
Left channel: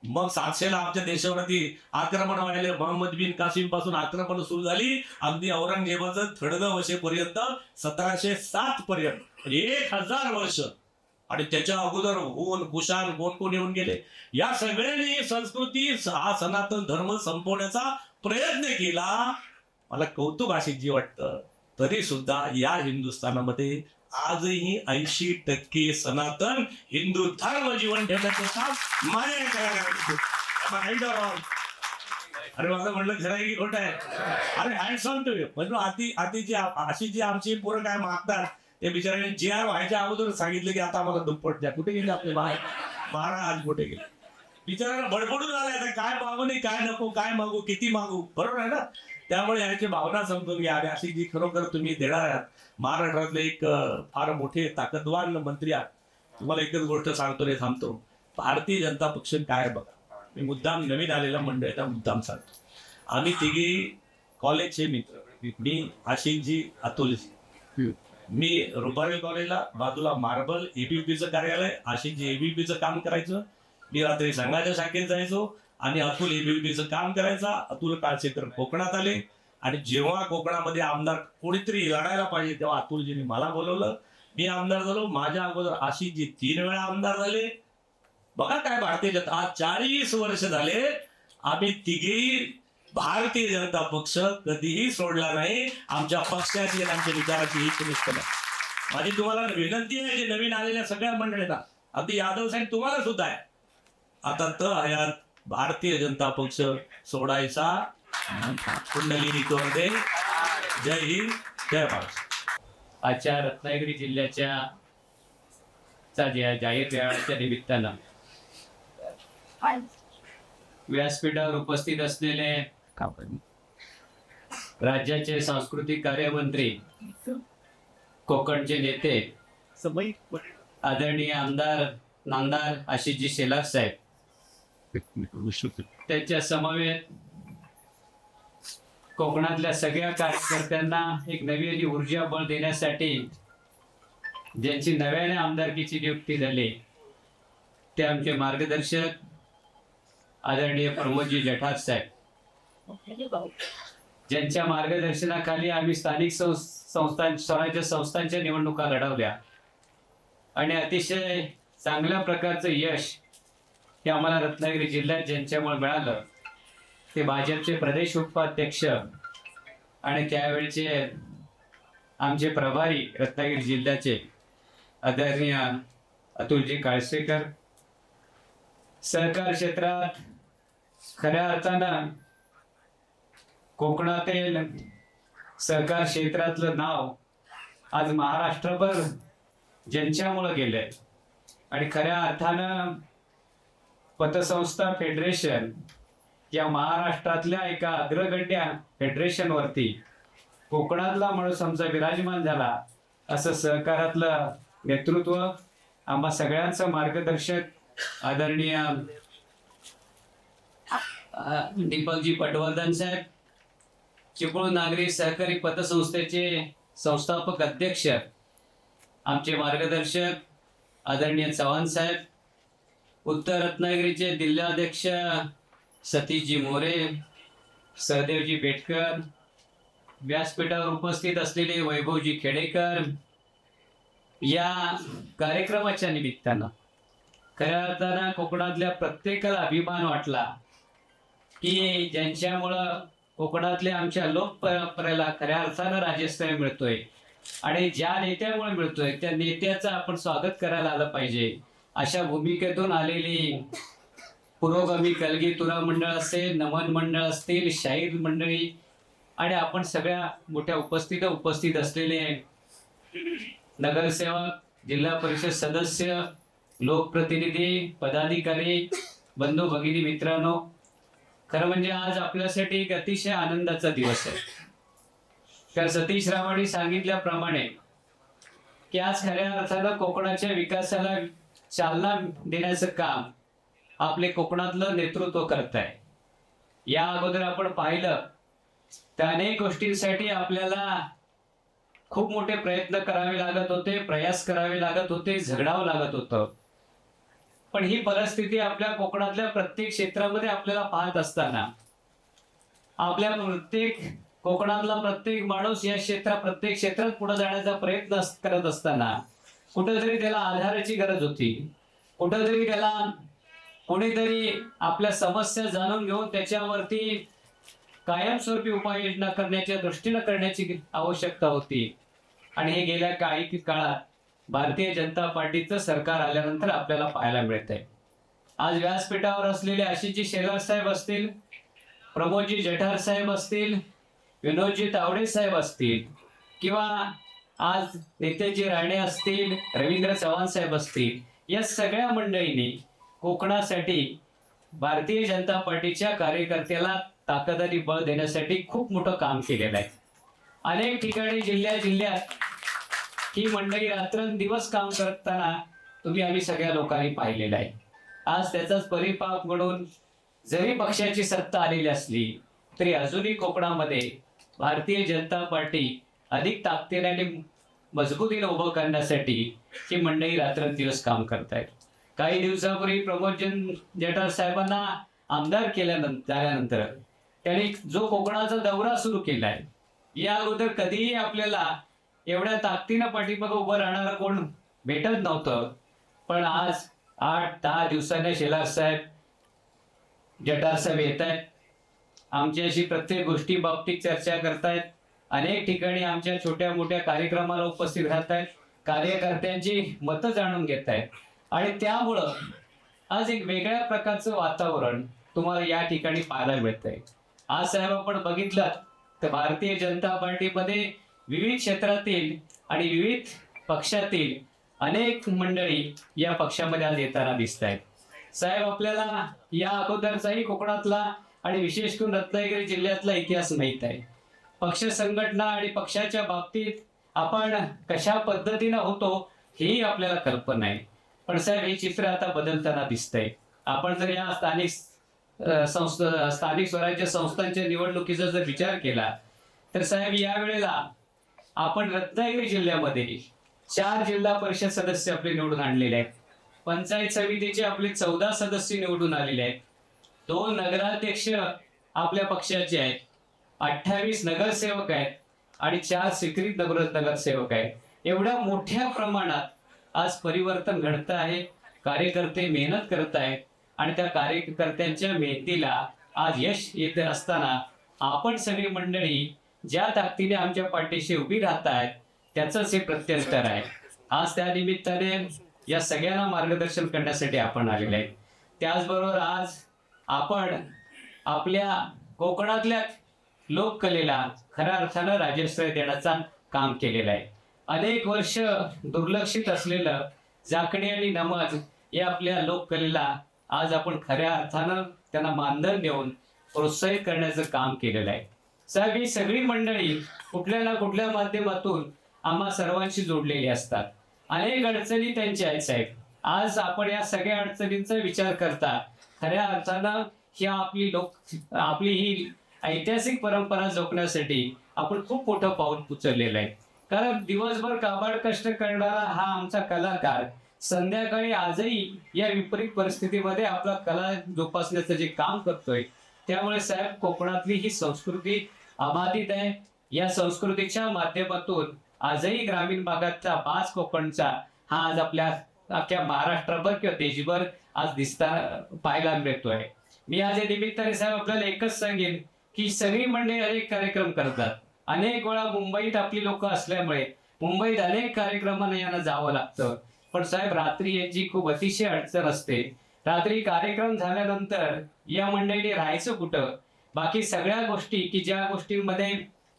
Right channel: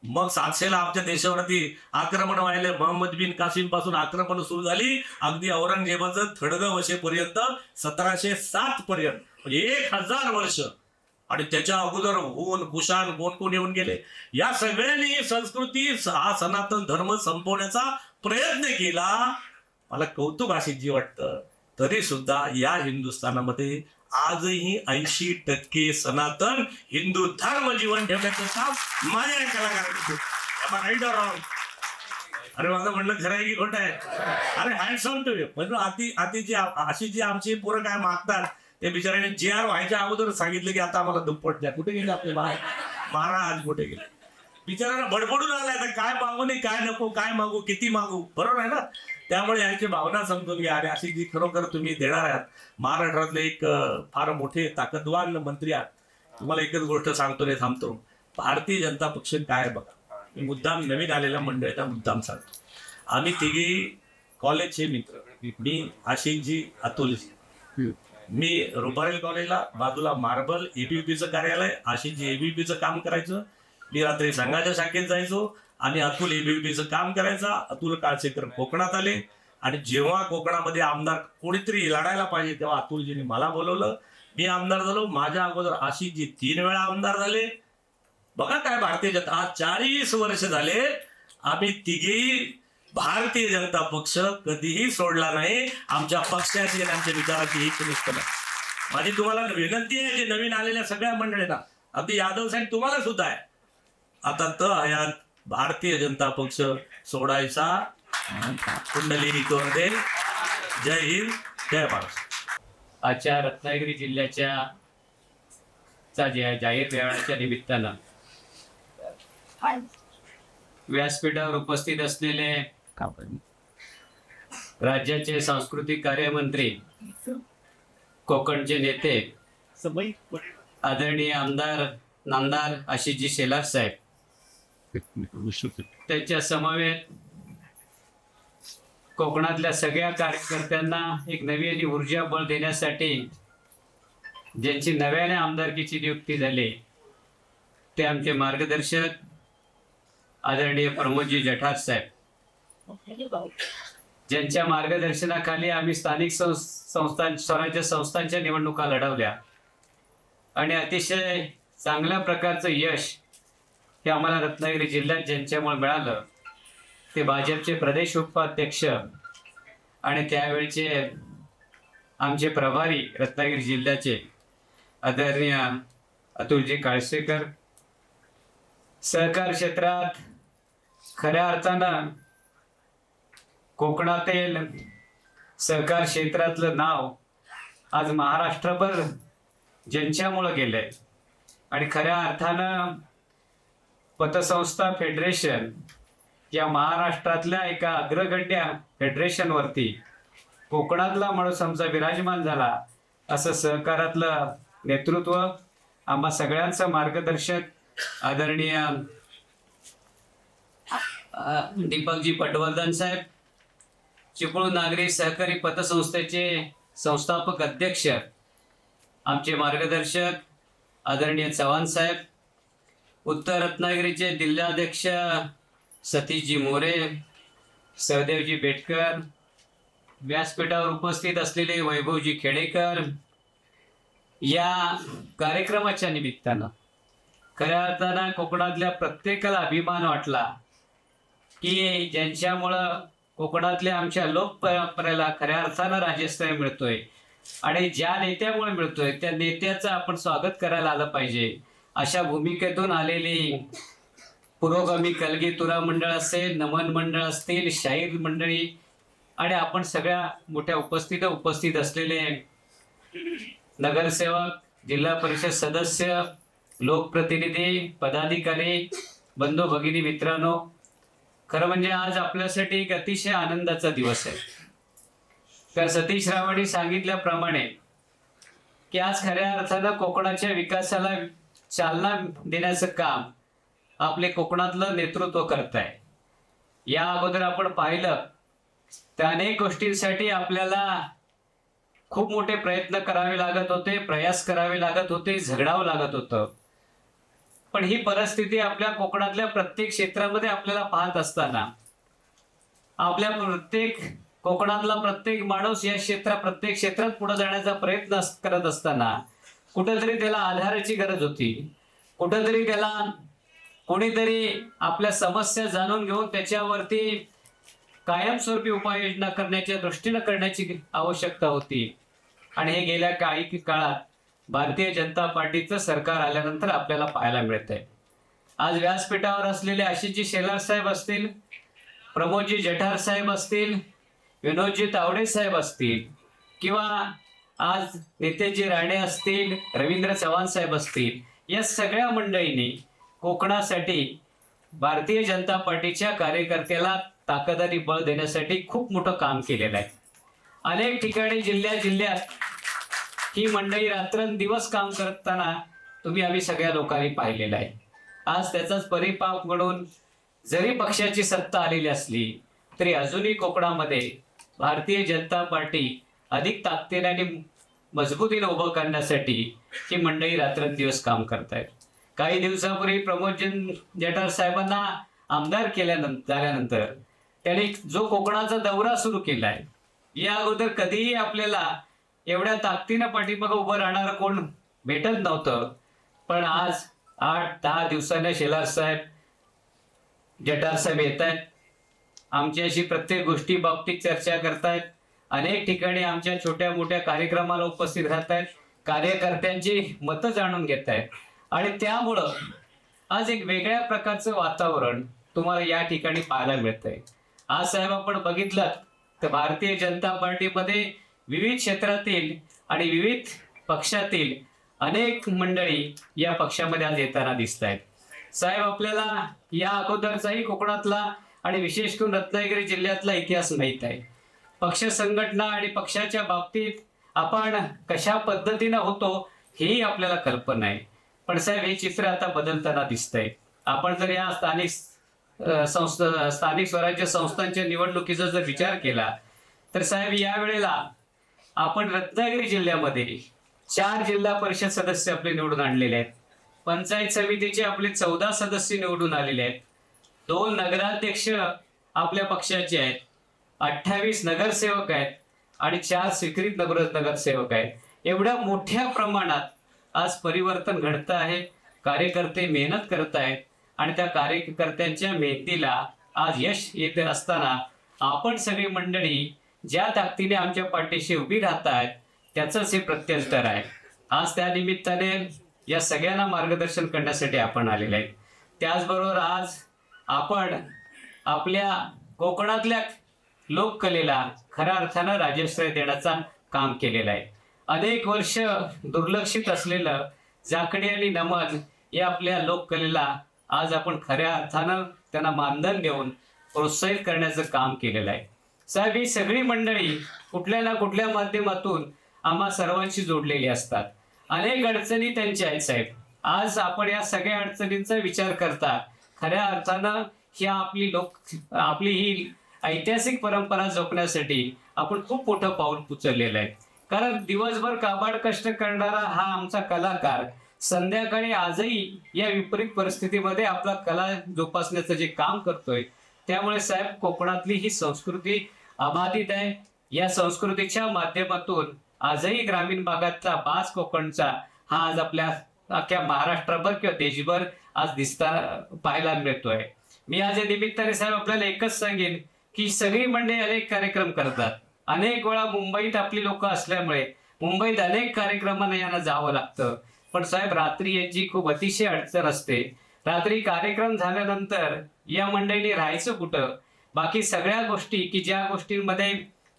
मग 700ला आमच्या देशावरती आक्रमण व्हायला, मोहम्मद बिन कासिम पासून आक्रमण सुरू झाली. अगदी औरंगजेबाचं थडगं वशेपर्यंत 1707 पर्यंत 1000 वर्ष. आणि त्याच्या अगोदर हुन, कुशाण, कोण येऊन गेले. या सगळ्यांनी संस्कृती, हा सनातन धर्म संपवण्याचा प्रयत्न केला. मला कौतुक आशिषजी वाटतं. तरी सुद्धा या हिंदुस्थानामध्ये आजही 80% सनातन हिंदू धर्म जीवन ठेवण्याचं काम माझ्या. अरे माझं म्हणलं खरं आहे की खोटं आहे? अरे हँड्स ऑन टू यू. म्हणजे अशी जी आमची पोरं काय मागतात, ते बिचाराने JR व्हायच्या अगोदर सांगितलं की आता आम्हाला दुप्पट द्या. कुठे गेले आपले महाराज, कुठे गेले? बिचारांना बडबडून आलाय, तर काय मागू नाही, काय नको, काय मागू, किती मागू, बरोबर आहे ना? त्यामुळे याची भावना समजून घ्या. आणि अशी जी खरोखर तुम्ही देणार आहात, महाराष्ट्रातले एक फार मोठे ताकदवान मंत्री आहात. तुम्हाला एकच गोष्ट सांगतो, नाही थांबतो. भारतीय जनता पक्ष काय बघा, मी मुद्दाम नवीन आलेल्या मंडळीचा मुद्दाम सांगतो. आम्ही तिघी कॉलेजचे मित्र, मी, आशिषजी, अतुलजी. मी रुपारेल कॉलेजला बाजूला मार्बल ABVPचं कार्यालय, आशिषजी ABVPचं काम करायचं. मी रात्री संघाच्या शाखेत जायचो आणि अतुल ABVPचं काम करायचा. अतुल काळसेकर कोकणात आले आणि जेव्हा कोकणामध्ये आमदार कोणीतरी लढायला पाहिजे तेव्हा अतुलजींनी मला बोलवलं. मी आमदार झालो, माझ्या अगोदर आशिषजी 3 वेळा आमदार झाले. बघा काय भारतीय जनता, आज 40 वर्ष झाले आम्ही तिघेही भारतीय जनता पक्ष कधीही सोडला नाही. आमच्या पक्षाची आणि आमच्या विचाराची ही निष्ठा नाही. माझी तुम्हाला विनंती आहे की नवीन आलेल्या सगळ्या मंडळींना, अगदी यादव साहेब तुम्हाला सुद्धा आहे, आता तर यात भारतीय जनता पक्ष सोडायचा कुंडली दे. जय हिंद, जय महाराष्ट्र. आजच्या रत्नागिरी जिल्ह्याच्या जाहीर मेळाव्याच्या निमित्तानं व्यासपीठावर उपस्थित असलेले राज्याचे सांस्कृतिक कार्यमंत्री, कोकणचे नेते, आदरणीय आमदार नामदार आशिषजी शेलार साहेब, त्यांच्या समवेत कोकणातल्या सगळ्या कार्यकर्त्यांना एक नवीन ऊर्जा बळ देण्यासाठी ज्यांची नव्याने आमदारकीची नियुक्ती झाली ते आमचे मार्गदर्शक आदरणीय प्रमोदजी जठार साहेब, ज्यांच्या मार्गदर्शनाखाली आम्ही स्थानिक स्वराज्य संस्थांच्या निवडणुका लढवल्या आणि अतिशय चांगल्या प्रकारचं यश हे आम्हाला रत्नागिरी जिल्ह्यात ज्यांच्यामुळे मिळालं ते भाजपचे प्रदेश उपाध्यक्ष आणि त्यावेळचे आमचे प्रभारी रत्नागिरी जिल्ह्याचे आदरणीय अतुलजी काळसेकर. सहकार क्षेत्रात खऱ्या अर्थानं कोकणातील सहकार क्षेत्रातलं नाव आज महाराष्ट्रभर ज्यांच्यामुळं गेलंय आणि खऱ्या अर्थानं पतसंस्था फेडरेशन या महाराष्ट्रातल्या एका अग्रगण्य फेडरेशनवरती कोकणातला माणूस आमचा विराजमान झाला, असं सहकारातलं नेतृत्व आम्हा सगळ्यांचं मार्गदर्शक आदरणीय दीपकजी पटवर्धन साहेब, चिपळूण नागरी सहकारी पतसंस्थेचे संस्थापक अध्यक्ष आमचे मार्गदर्शक आदरणीय चव्हाण साहेब, उत्तर रत्नागिरीचे जिल्हाध्यक्ष सतीशजी मोरे, सहदेवजी बेटकर, व्यासपीठावर उपस्थित असलेले वैभवजी खेडेकर. या कार्यक्रमाच्या निमित्तानं खऱ्या अर्थानं कोकणातल्या प्रत्येकाला अभिमान वाटला की ज्यांच्यामुळं कोकणातल्या आमच्या लोक परंपरेला खऱ्या अर्थानं राजस्थान मिळतोय आणि ज्या नेत्यामुळे मिळतोय त्या नेत्याचं आपण स्वागत करायला आलं पाहिजे. अशा भूमिकेतून आलेली पुरोगामी कलगी तुरा मंडळ असेल, नमन मंडळ असतील, शाहीर मंडळी आणि आपण सगळ्या मोठ्या उपस्थित असलेले नगरसेवक, जिल्हा परिषद सदस्य, लोकप्रतिनिधी, पदाधिकारी, बंधू भगिनी, मित्रांनो, खरं म्हणजे आज आपल्यासाठी एक अतिशय आनंदाचा दिवस आहे. तर सतीश रावांनी सांगितल्याप्रमाणे की आज खऱ्या अर्थानं कोकणाच्या विकासाला चालना देण्याचं काम आपले कोकणातलं नेतृत्व करत आहे. या अगोदर आपण पाहिलं तर अनेक गोष्टींसाठी आपल्याला खूप मोठे प्रयत्न करावे लागत होते, प्रयास करावे लागत होते, झगडावं लागत होतं. पण ही परिस्थिती आपल्या कोकणातल्या प्रत्येक क्षेत्रामध्ये आपल्याला पाहत असताना आपल्या कोकणातला प्रत्येक माणूस या प्रत्येक क्षेत्रात पुढे जाण्याचा प्रयत्न करत असताना कुठेतरी त्याला आधाराची गरज होती, कुठेतरी त्याला कोणीतरी आपल्या समस्या जाणून घेऊन त्याच्यावरती कायमस्वरूपी उपाययोजना करण्याच्या दृष्टीनं करण्याची आवश्यकता होती. आणि हे गेल्या काही काळात भारतीय जनता पार्टीचं सरकार आल्यानंतर आपल्याला पाहायला मिळतंय. आज व्यासपीठावर असलेले आशिषजी शेलार साहेब असतील, प्रमोदजी जठार साहेब असतील, विनोदजी तावडे साहेब असतील किंवा आज नितेशजी राणे असतील, रवींद्र चव्हाण साहेब असतील, या सगळ्या मंडळींनी कोकणासाठी भारतीय जनता पार्टीच्या कार्यकर्त्याला ताकद आणि बळ देण्यासाठी खूप मोठं काम केलेलं आहे. अनेक ठिकाणी जिल्ह्यात ही मंडळी रात्रंदिवस काम करताना आम्ही सगळ्या लोकांनी पाहिलेलं आहे. आज त्याचाच परिपाक म्हणून जरी पक्षाची सत्ता आलेली असली तरी अजूनही कोकणामध्ये भारतीय जनता पार्टी अधिक ताकदीने आणि मजबूतीने उभं करण्यासाठी ही मंडळी रात्रंदिवस काम करत आहेत. काही दिवसापूर्वी प्रमोदजी जठार साहेबांना आमदार झाल्यानंतर त्यांनी जो कोकणाचा दौरा सुरू केलाय, या अगोदर कधीही आपल्याला एवढ्या ताकदीनं पाठीमागं उभं राहणारं कोण भेटत नव्हतं. पण आज 8-10 दिवसाने शेलार साहेब, जटार साहेब येत आहेत, आमच्याशी प्रत्येक गोष्टी बाबतीत चर्चा करतायत, अनेक ठिकाणी आमच्या छोट्या मोठ्या कार्यक्रमाला उपस्थित राहत आहेत, कार्यकर्त्यांची मतं जाणून घेत आहेत. आणि त्यामुळं आज एक वेगळ्या प्रकारचं वातावरण तुम्हाला या ठिकाणी पाहायला मिळतंय. आज साहेब आपण बघितलं तर भारतीय जनता पार्टीमध्ये विविध क्षेत्रातील आणि विविध पक्षातील अनेक मंडळी या पक्षामध्ये आज येताना दिसत आहेत. साहेब आपल्याला या अगोदरचाही कोकणातला आणि विशेष करून रत्नागिरी जिल्ह्यातला इतिहास माहीत आहे. पक्ष संघटना आणि पक्षाच्या बाबतीत आपण कशा पद्धतीनं होतो हेही आपल्याला कल्पना आहे. पण साहेब हे चित्र आता बदलताना दिसतंय. आपण जर या स्थानिक स्वराज्य संस्थांच्या निवडणुकीचा जर विचार केला तर साहेब यावेळेला आपण रत्नागिरी जिल्ह्यामध्ये 4 जिल्हा परिषद सदस्य आपले निवडून आणलेले आहेत. पंचायत समितीचे आपले 14 सदस्य निवडून आलेले आहेत. 2 नगराध्यक्ष आपल्या पक्षाचे आहेत, 28 नगरसेवक आहेत आणि 4 स्वीकृत नगरसेवक आहेत. एवढ्या मोठ्या प्रमाणात आज परिवर्तन घडत आहे. कार्यकर्ते मेहनत करत आहेत आणि त्या कार्यकर्त्यांच्या मेहनतीला आज यश येत असताना आपण सगळी मंडळी ज्या ताकदीने आमच्या पाठीशी उभी राहत आहेत त्याचंच हे प्रत्युत्तर आहे. आज त्या निमित्ताने या सगळ्यांना मार्गदर्शन करण्यासाठी आपण आलेले आहे. त्याचबरोबर आज आपण आपल्या कोकणातल्या लोककलेला खऱ्या अर्थानं राजश्रय देण्याचं काम केलेलं आहे. अनेक वर्ष दुर्लक्षित असलेलं जाकडी आणि नमज या आपल्या लोककलेला आज आपण खऱ्या अर्थानं त्यांना मानधन देऊन प्रोत्साहित करण्याचं काम केलेलं आहे. साहेब ही सगळी मंडळी कुठल्या ना कुठल्या माध्यमातून आम्हा सर्वांशी जोडलेली असतात. अनेक अडचणी त्यांच्या आहेत साहेब. आज आपण या सगळ्या अडचणींचा विचार करता खऱ्या अर्थानं ही आपली ही ऐतिहासिक परंपरा जपण्यासाठी आपण खूप मोठं पाऊल उचललेलं आहे. कारण दिवसभर काबाड कष्ट करणारा हा आमचा कलाकार संध्याकाळी आजही या विपरीत परिस्थितीमध्ये आपला कला जोपासण्याचं जे काम करतोय. त्यामुळे साहेब कोकणातली ही संस्कृती अबाधित आहे. या संस्कृतीच्या माध्यमातून आजही ग्रामीण भागाचा बाज कोकणचा हा आज आपल्या अख्ख्या महाराष्ट्रभर किंवा देशभर आज पाहायला मिळतोय. मी आज या निमित्ताने साहेब आपल्याला एकच सांगेन की सगळी मंडळी अनेक कार्यक्रम करतात. अनेक वेळा मुंबईत आपली लोक असल्यामुळे मुंबईत अनेक कार्यक्रमांना यांना जावं लागतं. पण साहेब रात्री यांची खूप अतिशय अडचण असते. रात्री कार्यक्रम झाल्यानंतर या मंडळीने राहायचं कुठं? बाकी सगळ्या गोष्टी की ज्या गोष्टींमध्ये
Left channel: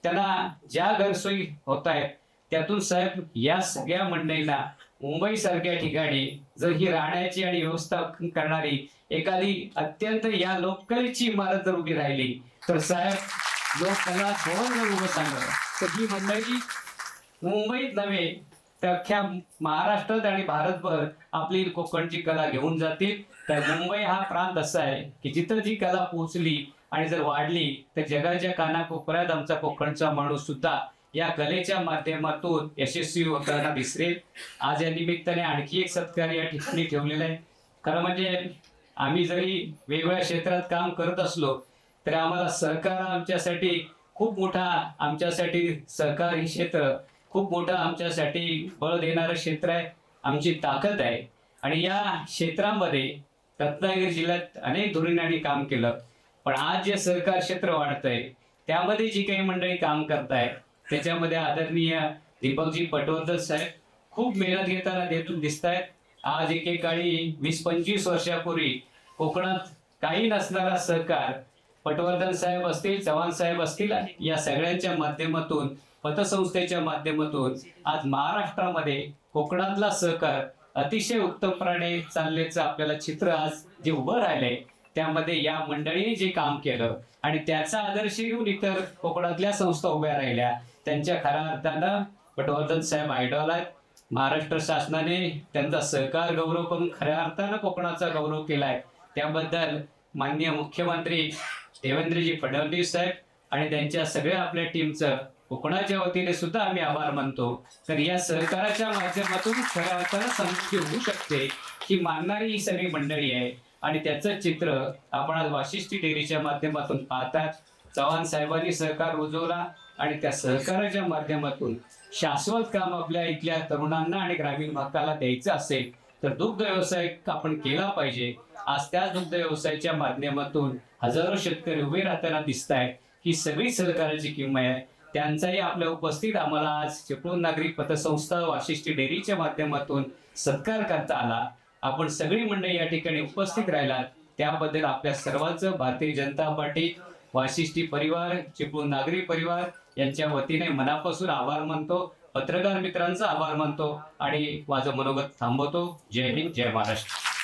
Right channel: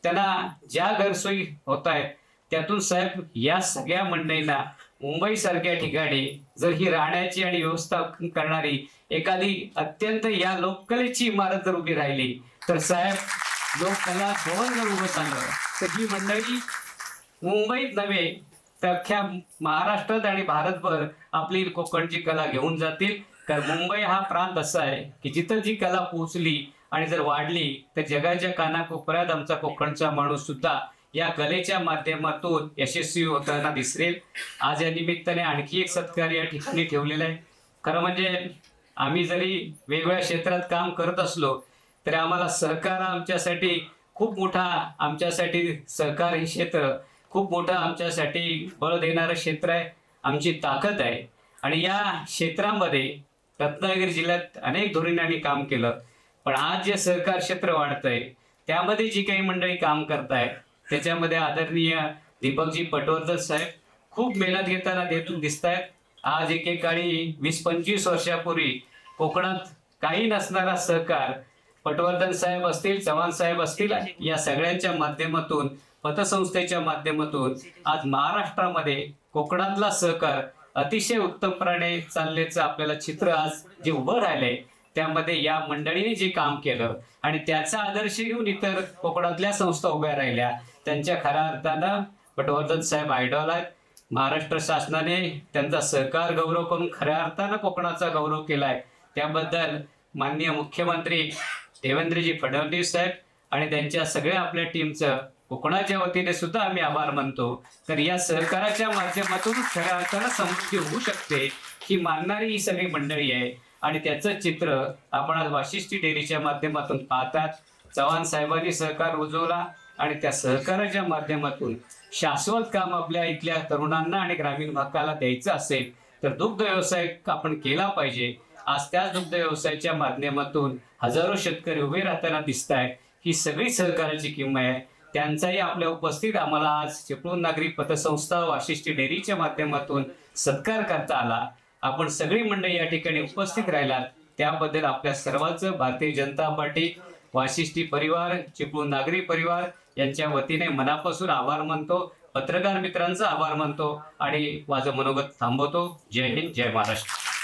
त्यांना ज्या गैरसोयी होत आहेत त्यातून साहेब या सगळ्या मंडळींना मुंबई सारख्या ठिकाणी जर ही राहण्याची आणि व्यवस्था करणारी एखादी अत्यंत या लोककलेची इमारत जर उभी राहिली तर साहेब लोककला भवन जर उभं सांगलं तर ही मंडळी मुंबईत नव्हे तर अख्ख्या महाराष्ट्रात आणि भारतभर आपली कोकणची कला घेऊन जातील. तर मुंबई हा प्रांत असा आहे की जिथं जी कला पोहोचली आणि जर वाढली तर जगाच्या कानाकोपऱ्यात आमचा कोकणचा माणूस सुद्धा या कलेच्या माध्यमातून यशस्वी होताना दिसेल. आज या निमित्ताने आणखी एक सत्कार या ठिकाणी ठेवलेला आहे. खरं म्हणजे आम्ही जरी वेगवेगळ्या क्षेत्रात काम करत असलो तरी आम्हाला सहकार आमच्यासाठी खूप मोठा, आमच्यासाठी सहकार हे क्षेत्र खूप मोठं आमच्यासाठी बळ देणारं क्षेत्र आहे, आमची ताकद आहे. आणि या क्षेत्रामध्ये रत्नागिरी जिल्ह्यात अनेक धोरणांनी काम केलं. पण आज जे सहकार क्षेत्र वाढतंय त्यामध्ये जी काही मंडळी काम करतायत त्याच्यामध्ये आदरणीय दीपकजी पटवर्धन साहेब खूप मेहनत घेताना दिसत आहेत. आज एकेकाळी 20-25 वर्षापूर्वी कोकणात काही नसणारा सहकार पटवर्धन साहेब असतील, चव्हाण साहेब असतील, या सगळ्यांच्या माध्यमातून पतसंस्थेच्या माध्यमातून आज महाराष्ट्रामध्ये कोकणातला सहकार अतिशय उत्तमपणे चालल्याचं आपल्याला चित्र आज जे उभं राहिलंय त्यामध्ये या मंडळीने जे काम केलं आणि त्याचा आदर्श घेऊन इतर कोकणातल्या संस्था उभ्या राहिल्या. त्यांच्या खऱ्या अर्थानं पटवर्धन साहेब आयडॉल आहेत. महाराष्ट्र शासनाने त्यांचा सहकार गौरव करून खऱ्या अर्थानं कोकणाचा गौरव केलाय. त्याबद्दल माननीय मुख्यमंत्री देवेंद्रजी फडणवीस साहेब आणि त्यांच्या सगळ्या आपल्या टीमचं कोकणाच्या वतीने सुद्धा आम्ही आभार मानतो. तर या सहकाराच्या माध्यमातून खऱ्या अर्थानं समृद्धी होऊ शकते ही मानणारी ही सगळी मंडळी आहे. आणि त्याचं चित्र आपण आज वाशिष्ठी डेअरीच्या माध्यमातून पाहतात. चव्हाण साहेबांनी सहकार रुजवला आणि त्या सहकाराच्या माध्यमातून शाश्वत काम आपल्या इथल्या तरुणांना आणि ग्रामीण भागाला द्यायचं असेल तर दुग्ध व्यवसाय आपण केला पाहिजे. आज त्या दुग्ध व्यवसायाच्या माध्यमातून हजारो शेतकरी उभे राहताना दिसत आहे. ही सगळी सहकार्याची किंमत आहे. त्यांचाही आपल्या उपस्थित आम्हाला आज चिपळूण नागरिक पतसंस्था वाशिष्ठी डेअरीच्या माध्यमातून सत्कार करता आला. आपण सगळी मंडळी या ठिकाणी उपस्थित राहिलात त्याबद्दल आपल्या सर्वांचं भारतीय जनता पार्टी, वाशिष्ठी परिवार, चिपळूण नागरी परिवार यांच्या वतीने मनापासून आभार मानतो. पत्रकार मित्रांचा आभार मानतो आणि माझं मनोगत थांबवतो. जय हिंद, जय महाराष्ट्र.